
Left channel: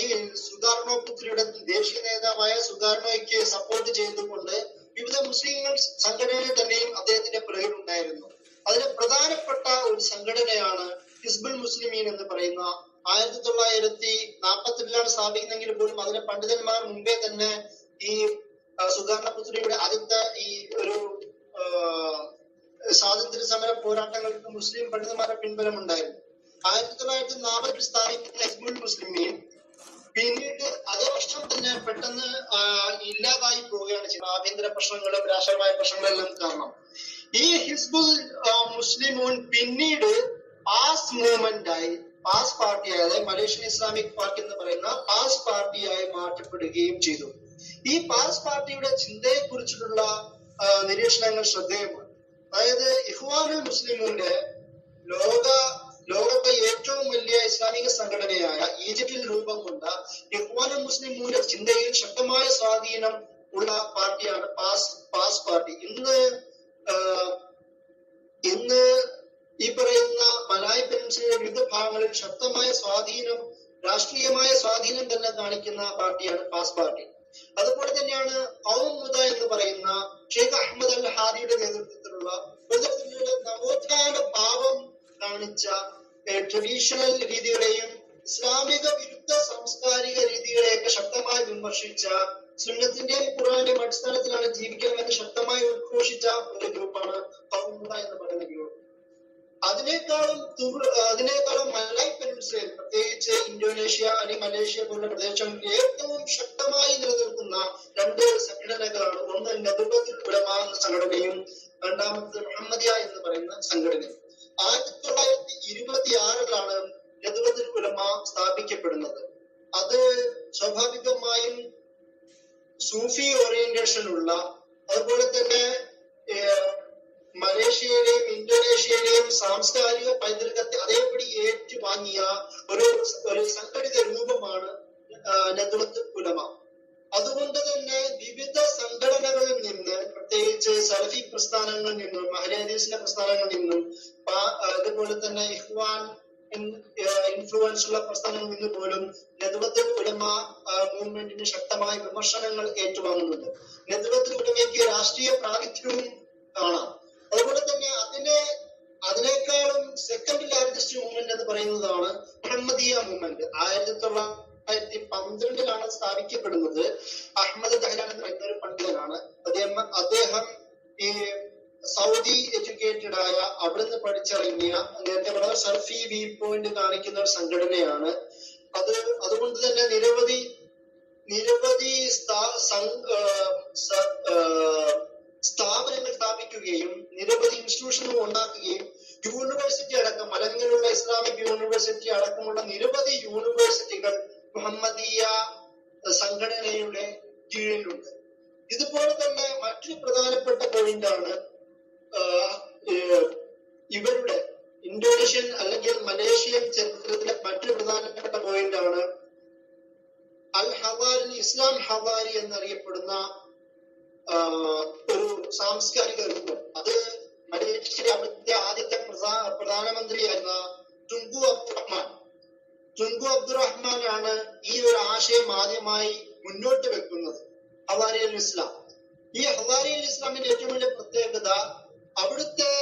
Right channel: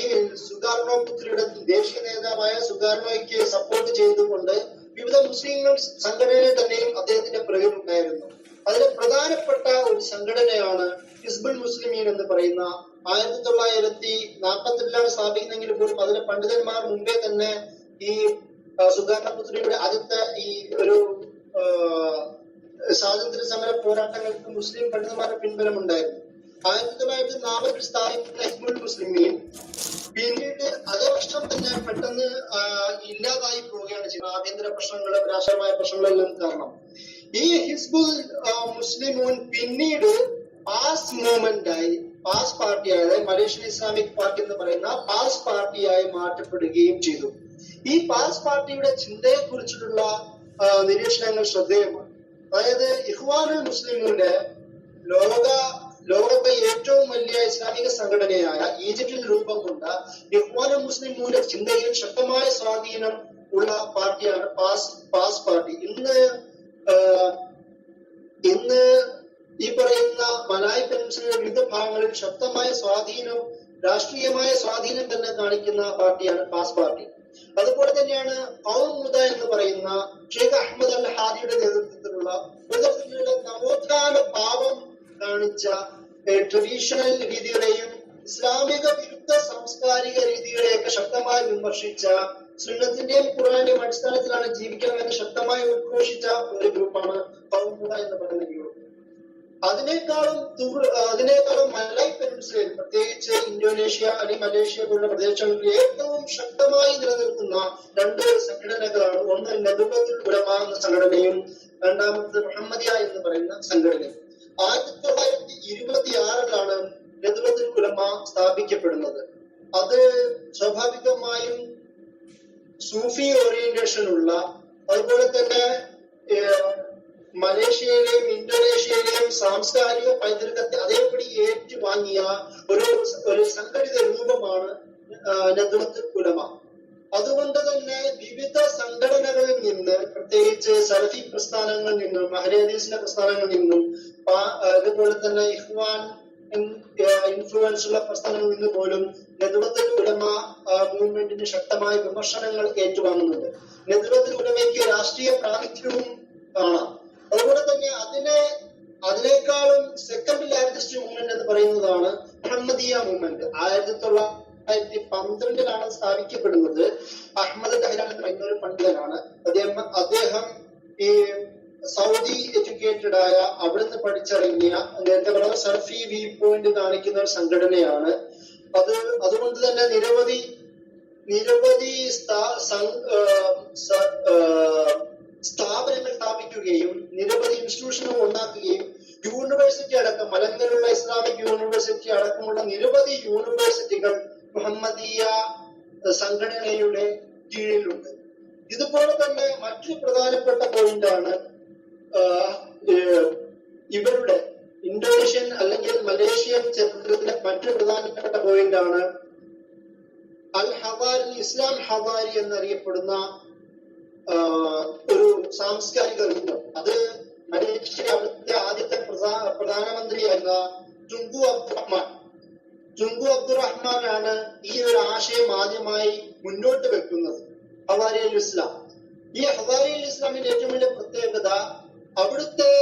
ഈ സുകാർണോ പുത്രിയുടെ ദേശീയ നേതാവായ സുകാർണോയ്ക്ക് സപ്പോർട്ട് ചെയ്തുകൊണ്ട് വിവിധ മുസ്ലിം സംഘടനയിൽ തന്നെയും അദ്ദേഹത്തിന്റെ പിറകിലുണ്ടായിരുന്നു. അതിലെ പ്രധാനപ്പെട്ട ഒരു സംഘടനയാണ് ഹിസ്ബുൽ മുസ്ലിമീൻ എന്ന് പറയുന്ന 1942-ലാണ് സ്ഥാപിക്കുന്നെങ്കിൽ പോലും അതിലെ പണ്ഡിതന്മാർ മുമ്പേ തന്നെ ഈ സുകാർണ പുത്രിയുടെ ആദ്യത്തെ ഈ ഒരു സ്വാതന്ത്ര്യ സമര പോരാട്ടങ്ങൾക്ക് മുസ്ലിം പണ്ഡിതന്മാരുടെ പിൻബലമുണ്ടായിരുന്നു. 1940-ൽ സ്ഥാപിക്കുന്ന ഹിസ്ബുൽ മുസ്ലിമീൻ പിന്നീട് അതേ വർഷം തന്നെ പെട്ടെന്ന് ഇല്ലാതായി പോവുകയാണ് ചെയ്യുന്നത്. ആഭ്യന്തര പ്രശ്നങ്ങളും രാഷ്ട്രീയമായ പ്രശ്നങ്ങളെല്ലാം കാരണം. ഈ ഹിസ്ബുൽ മുസ്ലിമൂൻ പിന്നീട് പാസ് മൂവ്മെന്റായി, പാസ് പാർട്ടിയായി, അതായത് മലേഷ്യൻ ഇസ്ലാമിക് പാർട്ടി എന്ന് പറയുന്ന പാസ് പാർട്ടിയായി മാറ്റപ്പെടുകയും ചെയ്തു. ഈ പാസ് പാർട്ടിയുടെ ചിന്തയെ കുറിച്ചിട്ടുള്ള നിരീക്ഷണങ്ങൾ ശ്രദ്ധേയമാണ്. അതായത് ഇഖ്വാനുൽ മുസ്ലിമൂന്റെ ലോകത്തെ ഏറ്റവും വലിയ ഇസ്ലാമിക സംഘടനയായ ഈജിപ്തിൽ രൂപം കൊണ്ട ഇഖ്വാനുൽ മുസ്ലിമൂന്റെ ചിന്തയിൽ ശക്തമായ സ്വാധീനം ഉള്ള പാർട്ടിയാണ് പാസ് പാർട്ടി. ഇന്ന് ഈ പറയുന്ന മലായ് പെനിൻസുലയുടെ വിവിധ ഭാഗങ്ങളിൽ ശക്തമായ സ്വാധീനം, രാഷ്ട്രീയമായ സ്വാധീനം തന്നെ കാണിക്കുന്ന പാർട്ടിയാണ് പാസ് പാർട്ടി. അതുപോലെ തന്നെയാണ് ഖൗം മുദ എന്ന് പറയുന്ന ഷെയ്ഖ് അഹമ്മദ് അൽ ഹാദിയുടെ നേതൃത്വത്തിലുള്ള നവോത്ഥാന ഭാവം കാണിച്ച ട്രഡീഷണൽ രീതികളെയും ഇസ്ലാമിക വിരുദ്ധ സാംസ്കാരിക രീതികളെയൊക്കെ ശക്തമായി വിമർശിച്ച, സുന്നത്തിന്റെയും ഖുർആന്റെയും അടിസ്ഥാനത്തിലാണ് ജീവിക്കണമെന്ന് ശക്തമായി ഉദ്ഘോഷിച്ച ഒരു ഗ്രൂപ്പാണ് ഖൗം മുദ എന്ന് പറയുന്ന ഗ്രൂപ്പ്. അതിനേക്കാളും മലൈ പെനിൻസുലയിൽ, പ്രത്യേകിച്ച് ഇന്തോനേഷ്യ അല്ലെങ്കിൽ മലേഷ്യ പോലുള്ള പ്രദേശങ്ങളിൽ ഏറ്റവും ശക്തമായി നിലനിൽക്കുന്ന രണ്ട് സംഘടനകളാണ്. ഒന്ന് നദുവത്തുൽ ഉലമ എന്ന സംഘടനയും രണ്ടാമത് മുഹമ്മദിയ എന്ന് പറയുന്ന സംഘടനയും. 1926 നദുവത്തുൽ ഉലമ സ്ഥാപിക്കപ്പെടുന്നത്. അത് സ്വാഭാവികമായും സൂഫി ഓറിയന്റേഷൻ ഉള്ള, അതുപോലെ തന്നെ മലേഷ്യയിലെയും ഇന്തോനേഷ്യയിലെയും സാംസ്കാരിക പൈതൃകത്തെ അതേപടി ഏറ്റുവാങ്ങിയ ഒരു സംഘടിത രൂപമാണ് നദ്വത്തുൽ ഉലമ. അതുകൊണ്ട് തന്നെ വിവിധ സംഘടനകളിൽ നിന്ന്, പ്രത്യേകിച്ച് സലഫി പ്രസ്ഥാനങ്ങളിൽ നിന്നും അഹ്ലെ ഹദീസിന്റെ പ്രസ്ഥാനങ്ങളിൽ നിന്നും അതുപോലെ തന്നെ ഇഖ്വാൻ ഇൻഫ്ലുവൻസ് ഉള്ള പ്രസ്ഥാനങ്ങളിൽ നിന്ന് പോലും നദ്വത്തുൽ ഉലമ മൂവ്മെന്റിന് ശക്തമായ വിമർശനങ്ങൾ ഏറ്റുവാങ്ങുന്നുണ്ട്. നദ്വത്തുൽ ഉലമയ്ക്ക് രാഷ്ട്രീയ പ്രാതിനിധ്യവും കാണാം. അതുപോലെ തന്നെ അതിനേക്കാളും സെക്കൻഡ് ലാർജസ്റ്റ് മൂവ്മെന്റ് എന്ന് പറയുന്നതാണ് മുഹമ്മദിയ മൂവ്മെന്റ്. 1912 സ്ഥാപിക്കപ്പെടുന്നത്. അഹമ്മദ് ദഹ്ലാൻ എന്ന് പറയുന്ന ഒരു പണ്ഡിതനാണ്. അദ്ദേഹം ഈ സൗദി എഡ്യൂക്കേറ്റഡ് ആയ, അവിടുന്ന് പഠിച്ചിറങ്ങിയ, നേരത്തെ പറഞ്ഞ സൽഫി വ്യൂ പോയിന്റ് കാണിക്കുന്ന ഒരു സംഘടനയാണ്. അതുകൊണ്ട് തന്നെ നിരവധി സ്ഥാപനങ്ങൾ സ്ഥാപിക്കുകയും നിരവധി ഇൻസ്റ്റിറ്റ്യൂഷനുകൾ ഉണ്ടാക്കുകയും യൂണിവേഴ്സിറ്റി അടക്കം, മലങ്കലുള്ള ഇസ്ലാമിക് യൂണിവേഴ്സിറ്റി അടക്കമുള്ള നിരവധി യൂണിവേഴ്സിറ്റികൾ മുഹമ്മദിയ സംഘടനയുടെ കീഴിലുണ്ട്. ഇതുപോലെ തന്നെ മറ്റൊരു പ്രധാനപ്പെട്ട പോയിന്റാണ് ഇവരുടെ ഇന്തോനേഷ്യൻ അല്ലെങ്കിൽ മലേഷ്യൻ ചരിത്രത്തിലെ മറ്റൊരു പ്രധാനപ്പെട്ട പോയിന്റാണ് അൽ ഹവാരി, ഇസ്ലാം ഹവാരി എന്നറിയപ്പെടുന്ന ഒരു സാംസ്കാരിക രൂപം. അത് മലേഷ്യ അവിടുത്തെ ആദ്യത്തെ പ്രധാനമന്ത്രിയായിരുന്ന ടുങ്കു അബ്ദുറഹ്മാനാണ് ഈ ഒരു ആശയം ആദ്യമായി മുന്നോട്ട് വെക്കുന്നത്, ഹവാരി അൽ ഇസ്ലാം. ഈ ഹവാരി അൽ ഇസ്ലാമിന്റെ ഏറ്റവും വലിയ പ്രത്യേകത അവിടുത്തെ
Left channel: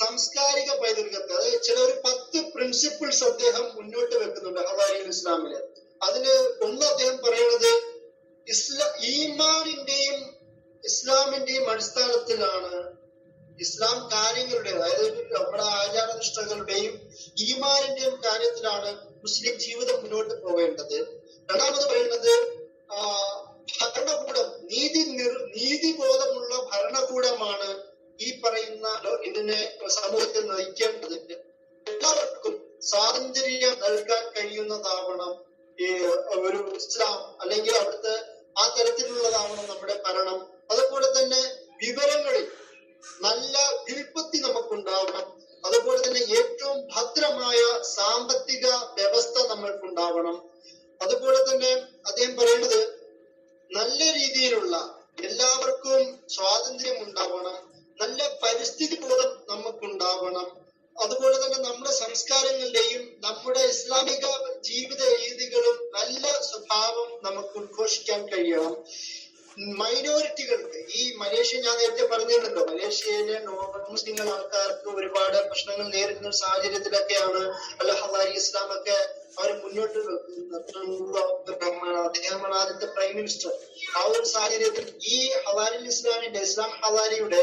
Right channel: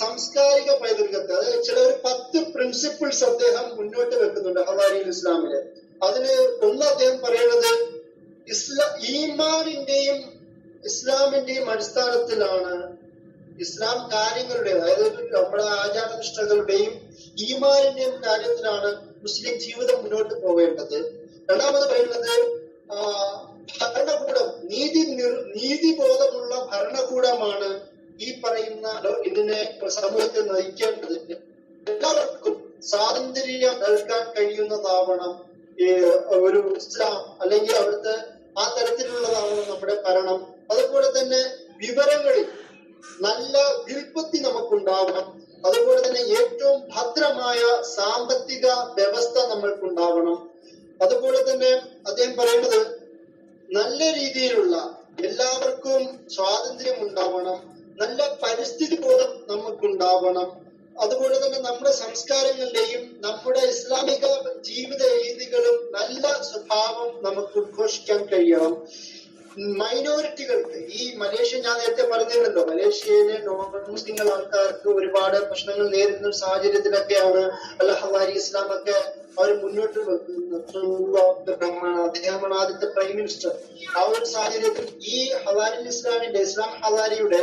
സാംസ്കാരിക പൈതൃകത്തെ, അതായത് ചില ഒരു 10 പ്രിൻസിപ്പിൾസ് അദ്ദേഹം മുന്നോട്ട് വെക്കുന്നുണ്ട് ഹവാരി അൽ ഇസ്ലാമില്. അതിന് ഒന്ന് അദ്ദേഹം പറയുന്നത് ഈമാനിന്റെയും ഇസ്ലാമിന്റെയും അടിസ്ഥാനത്തിലാണ് ഇസ്ലാം കാര്യങ്ങളുടെ, അതായത് നമ്മുടെ ആചാരനിഷ്ഠകളുടെയും ഈമാനിന്റെയും കാര്യത്തിലാണ് മുസ്ലിം ജീവിതം മുന്നോട്ട് പോവേണ്ടത്. രണ്ടാമത് പറയുന്നത് ഭരണകൂടം, നീതിബോധമുള്ള ഭരണകൂടമാണ് ഈ പറയുന്ന ഇതിനെ സമൂഹത്തെ നയിക്കേണ്ടത്. എല്ലാവർക്കും സ്വാതന്ത്ര്യം നൽകാൻ കഴിയുന്നതാവണം ഒരു ഇസ്ലാം, അല്ലെങ്കിൽ അവിടുത്തെ ആ തരത്തിലുള്ളതാവണം നമ്മുടെ ഭരണം. അതുപോലെ തന്നെ വിവരങ്ങളിൽ നല്ല വിൽപ്പത്തി നമുക്കുണ്ടാവണം. അതുപോലെ തന്നെ ഏറ്റവും ഭദ്രമായ സാമ്പത്തിക വ്യവസ്ഥ നമ്മൾക്കുണ്ടാവണം. അതുപോലെ തന്നെ അദ്ദേഹം പറയുന്നത് നല്ല രീതിയിലുള്ള എല്ലാവർക്കും സ്വാതന്ത്ര്യം ഉണ്ടാവണം, നല്ല പരിസ്ഥിതി ബോധം നമുക്കുണ്ടാവണം. അതുപോലെ തന്നെ നമ്മുടെ സംസ്കാരങ്ങളുടെയും നമ്മുടെ ഇസ്ലാമിക ജീവിത രീതികളും നല്ല സ്വഭാവം നമുക്ക് ഉദ്ഘോഷിക്കാൻ കഴിയണം. മൈനോറിറ്റികൾക്ക്, ഈ മലേഷ്യ ഞാൻ നേരത്തെ പറഞ്ഞിട്ടുണ്ടല്ലോ, മലേഷ്യയിലെ നോൺ മുസ്ലിം ആൾക്കാർക്ക് ഒരുപാട് പ്രശ്നങ്ങൾ നേരിടുന്ന ഒരു സാഹചര്യത്തിലൊക്കെയാണ് അൽ ഹവാരി ഇസ്ലാം ഒക്കെ അവർ മുന്നോട്ട് വെക്കുന്നത്. അദ്ദേഹമാണ് ആദ്യത്തെ പ്രൈം മിനിസ്റ്റർ. ആ ഒരു സാഹചര്യത്തിൽ ഈ ഹവാരി ഇസ്ലാമിന്റെ, ഇസ്ലാം ഹവാരിയുടെ,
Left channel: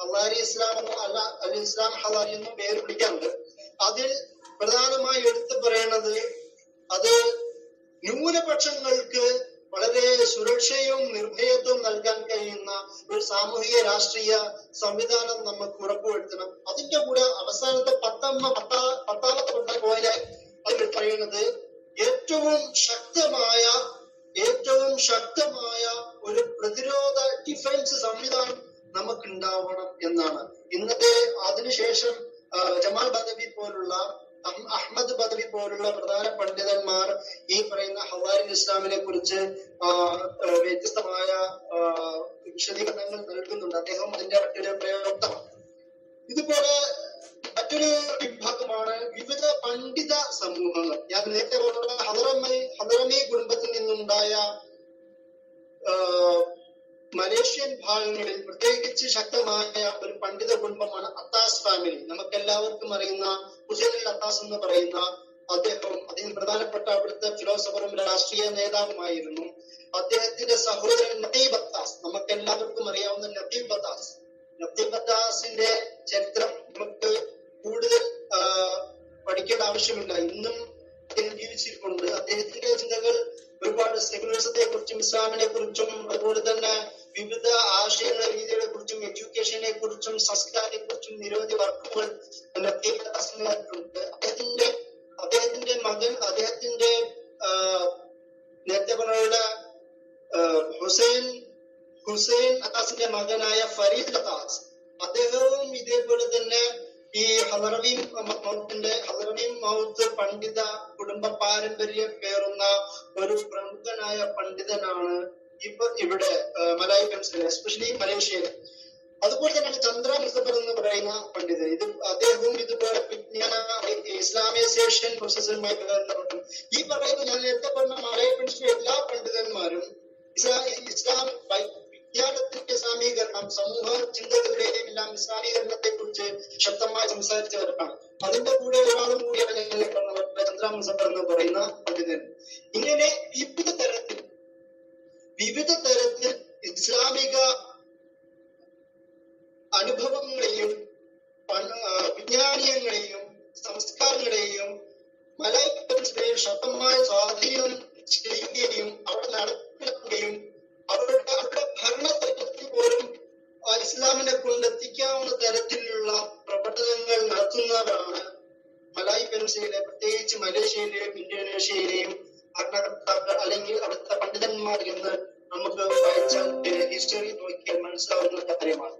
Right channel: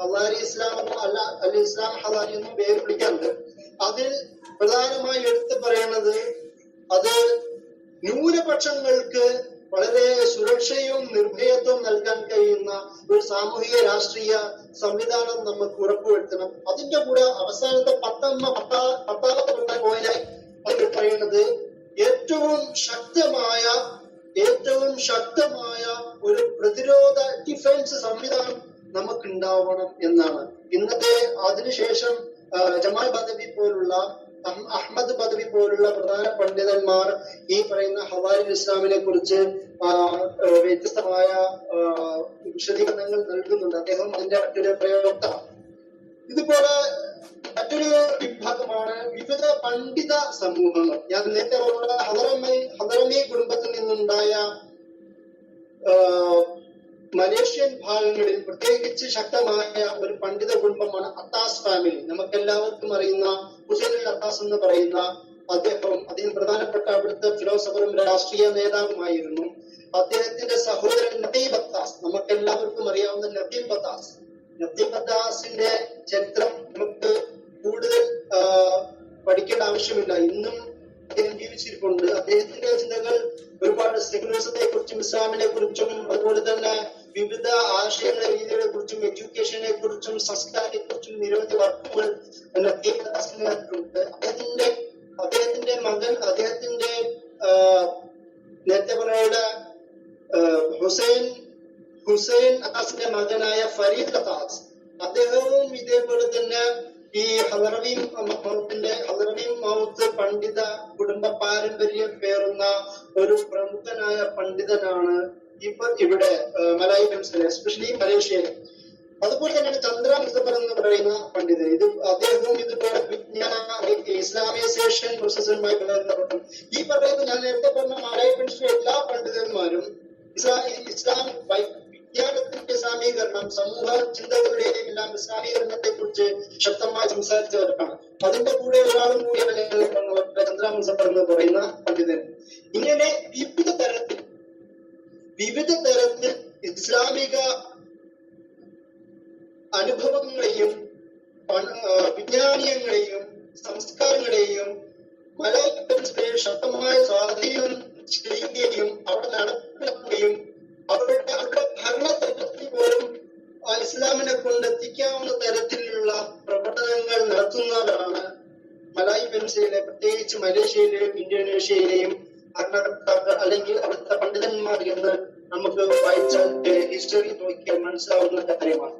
ഹവാരി ഇസ്ലാമോ അല്ല ഇസ്ലാം ഹവാരി എന്നും പേര് വിളിക്കാറുണ്ട്. അതിൽ പ്രധാനമായി എടുത്തു പറയുന്നത് അത് ന്യൂനപക്ഷങ്ങൾക്ക് വളരെ സുരക്ഷയും നിർഭയത്വവും നൽകാൻ കഴിയുന്ന ഒരു സാമൂഹിക രാഷ്ട്രീയ സംവിധാനം നമുക്ക് ഉറപ്പുവരുത്തണം. അതിന്റെ കൂടെ അവസാനത്തെ പത്താമത്തെ പോയിന്റായി അതിൽ പറയുന്നത് ഏറ്റവും ശക്തമായ ഒരു പ്രതിരോധ ഡിഫൻസ് സംവിധാനം നമുക്കുണ്ടാവണം എന്നാണ്. ഇന്നത്തെ അതിനുശേഷം ജമാൽ ബദവി പോലുള്ള, അഹമ്മദ് ബദവി പോലുള്ള പ്രധാന പണ്ഡിതന്മാർ ഈ പറയുന്ന ഹവാരി ഇസ്ലാമിനെ കുറിച്ച് വ്യത്യസ്തമായ വിശദീകരണങ്ങൾ നൽകുന്നുണ്ട്. അദ്ദേഹം അതിന്റെ മറ്റൊരു പ്രയോക്തമാണ്. ഇതുപോലെ മറ്റൊരു വിഭാഗമാണ് വിവിധ പണ്ഡിത സമൂഹങ്ങൾ. ഞാൻ നേരത്തെ പറഞ്ഞ ഹദറമി കുടുംബത്തിൽ നിന്നുണ്ടായ മലേഷ്യൻ ഭാഗങ്ങളിൽ പ്രത്യേകിച്ച് ശക്തമായ ഒരു പണ്ഡിത കുടുംബമാണ് അത്താസ് ഫാമിലി. നമുക്കെല്ലാവർക്കും അറിയുന്ന ഹുസൈൻ അൽ അത്താസ് എന്ന് പറയുന്ന അദ്ദേഹം പ്രധാനപ്പെട്ട അവിടുത്തെ ഫിലോസഫറും രാഷ്ട്രീയ നേതാവുമായിരുന്നു. അദ്ദേഹത്തിന്റെ സഹോദരൻ നദീബ് അത്താസ്, നമുക്കെല്ലാവർക്കും അറിയാവുന്ന നദീബ് അത്താസിന്റെ ചരിത്രം നമുക്ക് കൂടുതൽ പഠിക്കേണ്ട ആവശ്യമില്ല. ഇന്നും അദ്ദേഹം ജീവിച്ചിരിപ്പുണ്ട്. അദ്ദേഹത്തിന്റെ ചിന്തകൾ ഒരുപാട് സെക്യുലറിസത്തെ കുറിച്ചും ഇസ്ലാമിനെ കുറിച്ചും അതുപോലെ തന്നെ വിവിധ ആശയങ്ങളെ രീതികളെ കുറിച്ചും എഡ്യൂക്കേഷനെ കുറിച്ചും സംസ്കാരത്തെ കുറിച്ചും നിരവധി വർക്കുകൾ അദ്ദേഹത്തിന്റെ മകൻ നേരത്തെ പറഞ്ഞ ഹുസൈൻ അത്താസിന്റെ മകനായ ഫരീദ് അത്താസ് അദ്ദേഹവും ഇതേപോലെ തന്നെ ഈ ഹളറവി മൗത്ത് പണ്ഡിത കുടുംബ പാരമ്പര്യം പേറുന്ന ഒരു പ്രമുഖനായ പണ്ഡിതനാണ് ഇവിടെ മലായി പെൻസിൽ, എസ്പെഷ്യലി മലേഷ്യയിൽ. അതുപോലെ തന്നെയാണ് ചന്ദ്ര മുസഫർ എന്ന് പറയുന്ന പണ്ഡിതൻ. അദ്ദേഹവും ഇതുപോലെ വിജ്ഞാന ഇസ്ലാമൈസേഷൻ പ്രോസസ്സുമായി ബന്ധപ്പെട്ടു. ഈ പറയുന്ന ഞാൻ നേരത്തെ പറഞ്ഞ മലായി പെൻസിലെ എല്ലാ പണ്ഡിതന്മാരും ഇസ്ലാം വിജ്ഞാനത്തിന്റെ ഇസ്ലാമീകരണം, സമൂഹ ചിന്തകളുടെ എല്ലാം ഇസ്ലാമീകരണത്തെ കുറിച്ച് ശക്തമായി സംസാരിച്ചവരാണ്. അതിന്റെ കൂടെ ഒരാളും കൂടിയാണ് ഞാൻ പറഞ്ഞ ചന്ദ്ര മുസഫർ എന്ന് പറയുന്ന പണ്ഡിതൻ. ഇങ്ങനെ വിവിധ തരത്തിൽ ഇസ്ലാമിക അനുഭവങ്ങളെയും വിജ്ഞാനീയങ്ങളെയും സംസ്കാരങ്ങളെയും മലയാള ശക്തമായ സ്വാധീനം ചെയ്യുകയും അവിടെ നടപ്പിലാക്കുകയും അവരുടെ ഭരണതലത്തിൽ പോലും ഇസ്ലാമിനെ കൊണ്ടെത്തിക്കാവുന്ന തരത്തിലുള്ള പ്രവർത്തനങ്ങൾ നടത്തുന്നവരാണ് മലായി പെൻസിലെ, പ്രത്യേകിച്ച് മലേഷ്യയിലെയും ഇന്തോനേഷ്യയിലെയും ഭരണകർത്താക്കൾ അല്ലെങ്കിൽ അവിടുത്തെ പണ്ഡിതന്മാർ എന്ന് നമുക്ക് വായിച്ചാൽ ഹിസ്റ്ററി നോക്കിയാൽ മനസ്സിലാവുന്ന കാര്യമാണ്.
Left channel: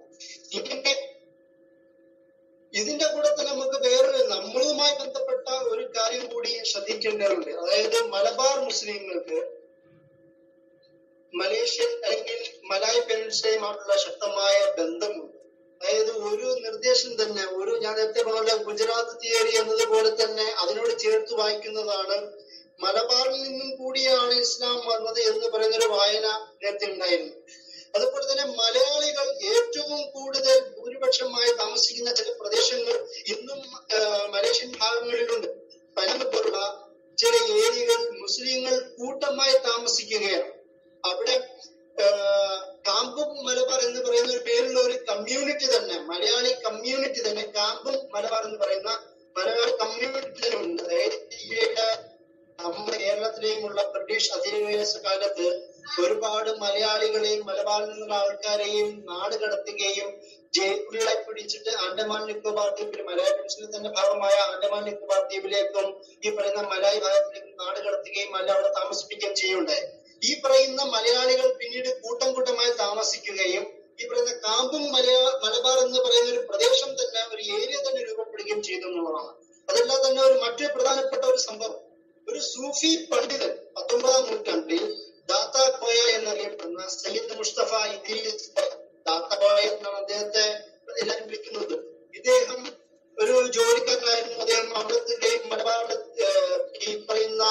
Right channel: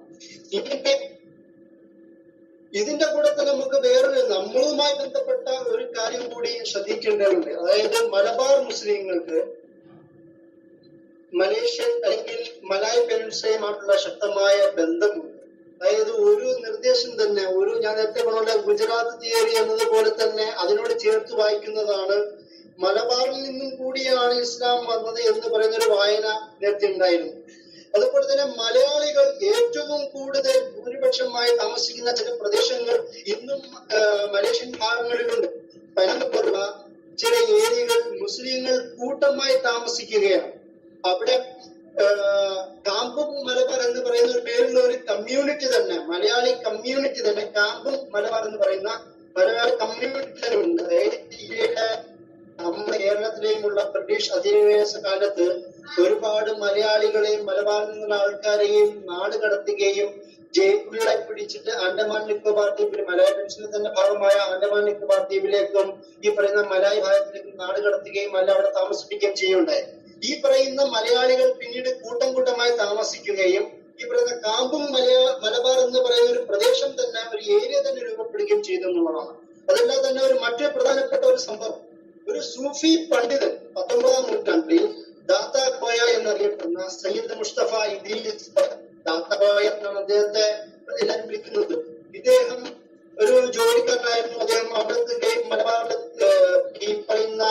ഇതിന്റെ കൂടെ തന്നെ നമുക്ക് വേറൊരു നമ്മളുമായി ബന്ധപ്പെട്ട ഒരു കാര്യം കൂടി ശ്രദ്ധിക്കേണ്ടതുണ്ട്. അതായത് മലബാർ മുസ്ലിങ്ങൾക്ക് മലേഷ്യൻ അല്ലെങ്കിൽ മലായ് പെനിൻസുലയുമായിട്ടുള്ള ശക്തമായ ബന്ധമുണ്ട്. അതായത് ഒരു നിർദ്ദേശം തന്നെ ഞാൻ നേരത്തെ പറഞ്ഞ ഗുജറാത്ത് തിയറി എന്നതുപോലെ തന്നെ അതിനോട് ചേർത്ത് വായിക്കുന്നതാണ് മലബാറിൽ നിന്നും കൂടിയാണ് ഇസ്ലാം വന്നത് എന്ന് പറയുന്ന ഒരു വായന നേരത്തെ ഉണ്ടായിരുന്നു. അതുപോലെ തന്നെ മലയാളികൾ ഏറ്റവും കൂടുതൽ ഭൂരിപക്ഷമായി താമസിക്കുന്ന ചില പ്രദേശങ്ങൾ ഇന്നും മലേഷ്യൻ ഭാഗങ്ങളിലുണ്ട്. പനമ്പ് പോലുള്ള ചില ഏരിയകൾ മുസ്ലിങ്ങൾ കൂട്ടമായി താമസിക്കുകയാണ്. അവിടെ കാമ്പും മലബാർ എന്ന് പറയുന്ന ഒരു പേരുള്ള ഒരു കമ്മ്യൂണിറ്റി തന്നെ, മലയാളി കമ്മ്യൂണിറ്റി തന്നെ, കാമ്പും മലബാർ എന്ന് പറയുന്ന മലയാളി കമ്മ്യൂണിറ്റി തന്നെ ഉണ്ട്. അതായത് നമ്മുടെ കേരളത്തിലെയുമുള്ള ബ്രിട്ടീഷ് അധിനിവേശ കാലത്ത് ഒരുപാട് മലയാളികളെയും മലബാറിൽ നിന്നുള്ള ആൾക്കാരെയും നാട് കടത്തുകയും ജയിലുകളെ പിടിച്ചിട്ട് ആൻഡമാൻ നിക്കോബാർ ദ്വീപിൽ മലയാള പെൻഷനിൽ തന്നെ ഭാഗമായ ആൻഡമാൻ നിക്കോബാർ ദ്വീപിലേക്കും ഈ പറയുന്ന മലായ് ഭാഗത്തിലേക്കും നാട് കടത്തുകയും അല്ല അവിടെ താമസിപ്പിക്കുകയും ചെയ്യുകയുണ്ടായി. ഈ പറയുന്ന മലയാളികൾ പിന്നീട് കൂട്ടം കൂട്ടമായി താമസിക്കുകയും ഈ പറയുന്ന കാമ്പും മലബാർ എന്ന് പറയുന്ന ഒരു പ്രദേശം തന്നെ, ഒരു ഏരിയ തന്നെ രൂപപ്പെടുകയും ചെയ്തു എന്നുള്ളതാണ്. അതെല്ലാം തന്നെ ഒരു മറ്റൊരു പ്രധാനപ്പെട്ട ഒരു സംഭവം. ഒരു സൂഫി പണ്ഡിതൻ 19-ാം നൂറ്റാണ്ടിൽ ദാത്താ കോയ എന്നറിയപ്പെടുന്ന സയ്യിദ് മുസ്തഫ ഇദ്രീസ്, ദാത്താ കോയ എന്നാണ് അദ്ദേഹത്തെ എല്ലാവരും വിളിക്കുന്നത്. ഇദ്ദേഹം ഒരു ജോലിക്കാരനായിരുന്നു. അദ്ദേഹം അവിടുത്തെ മലബാറിൽ ഈ പറയുന്ന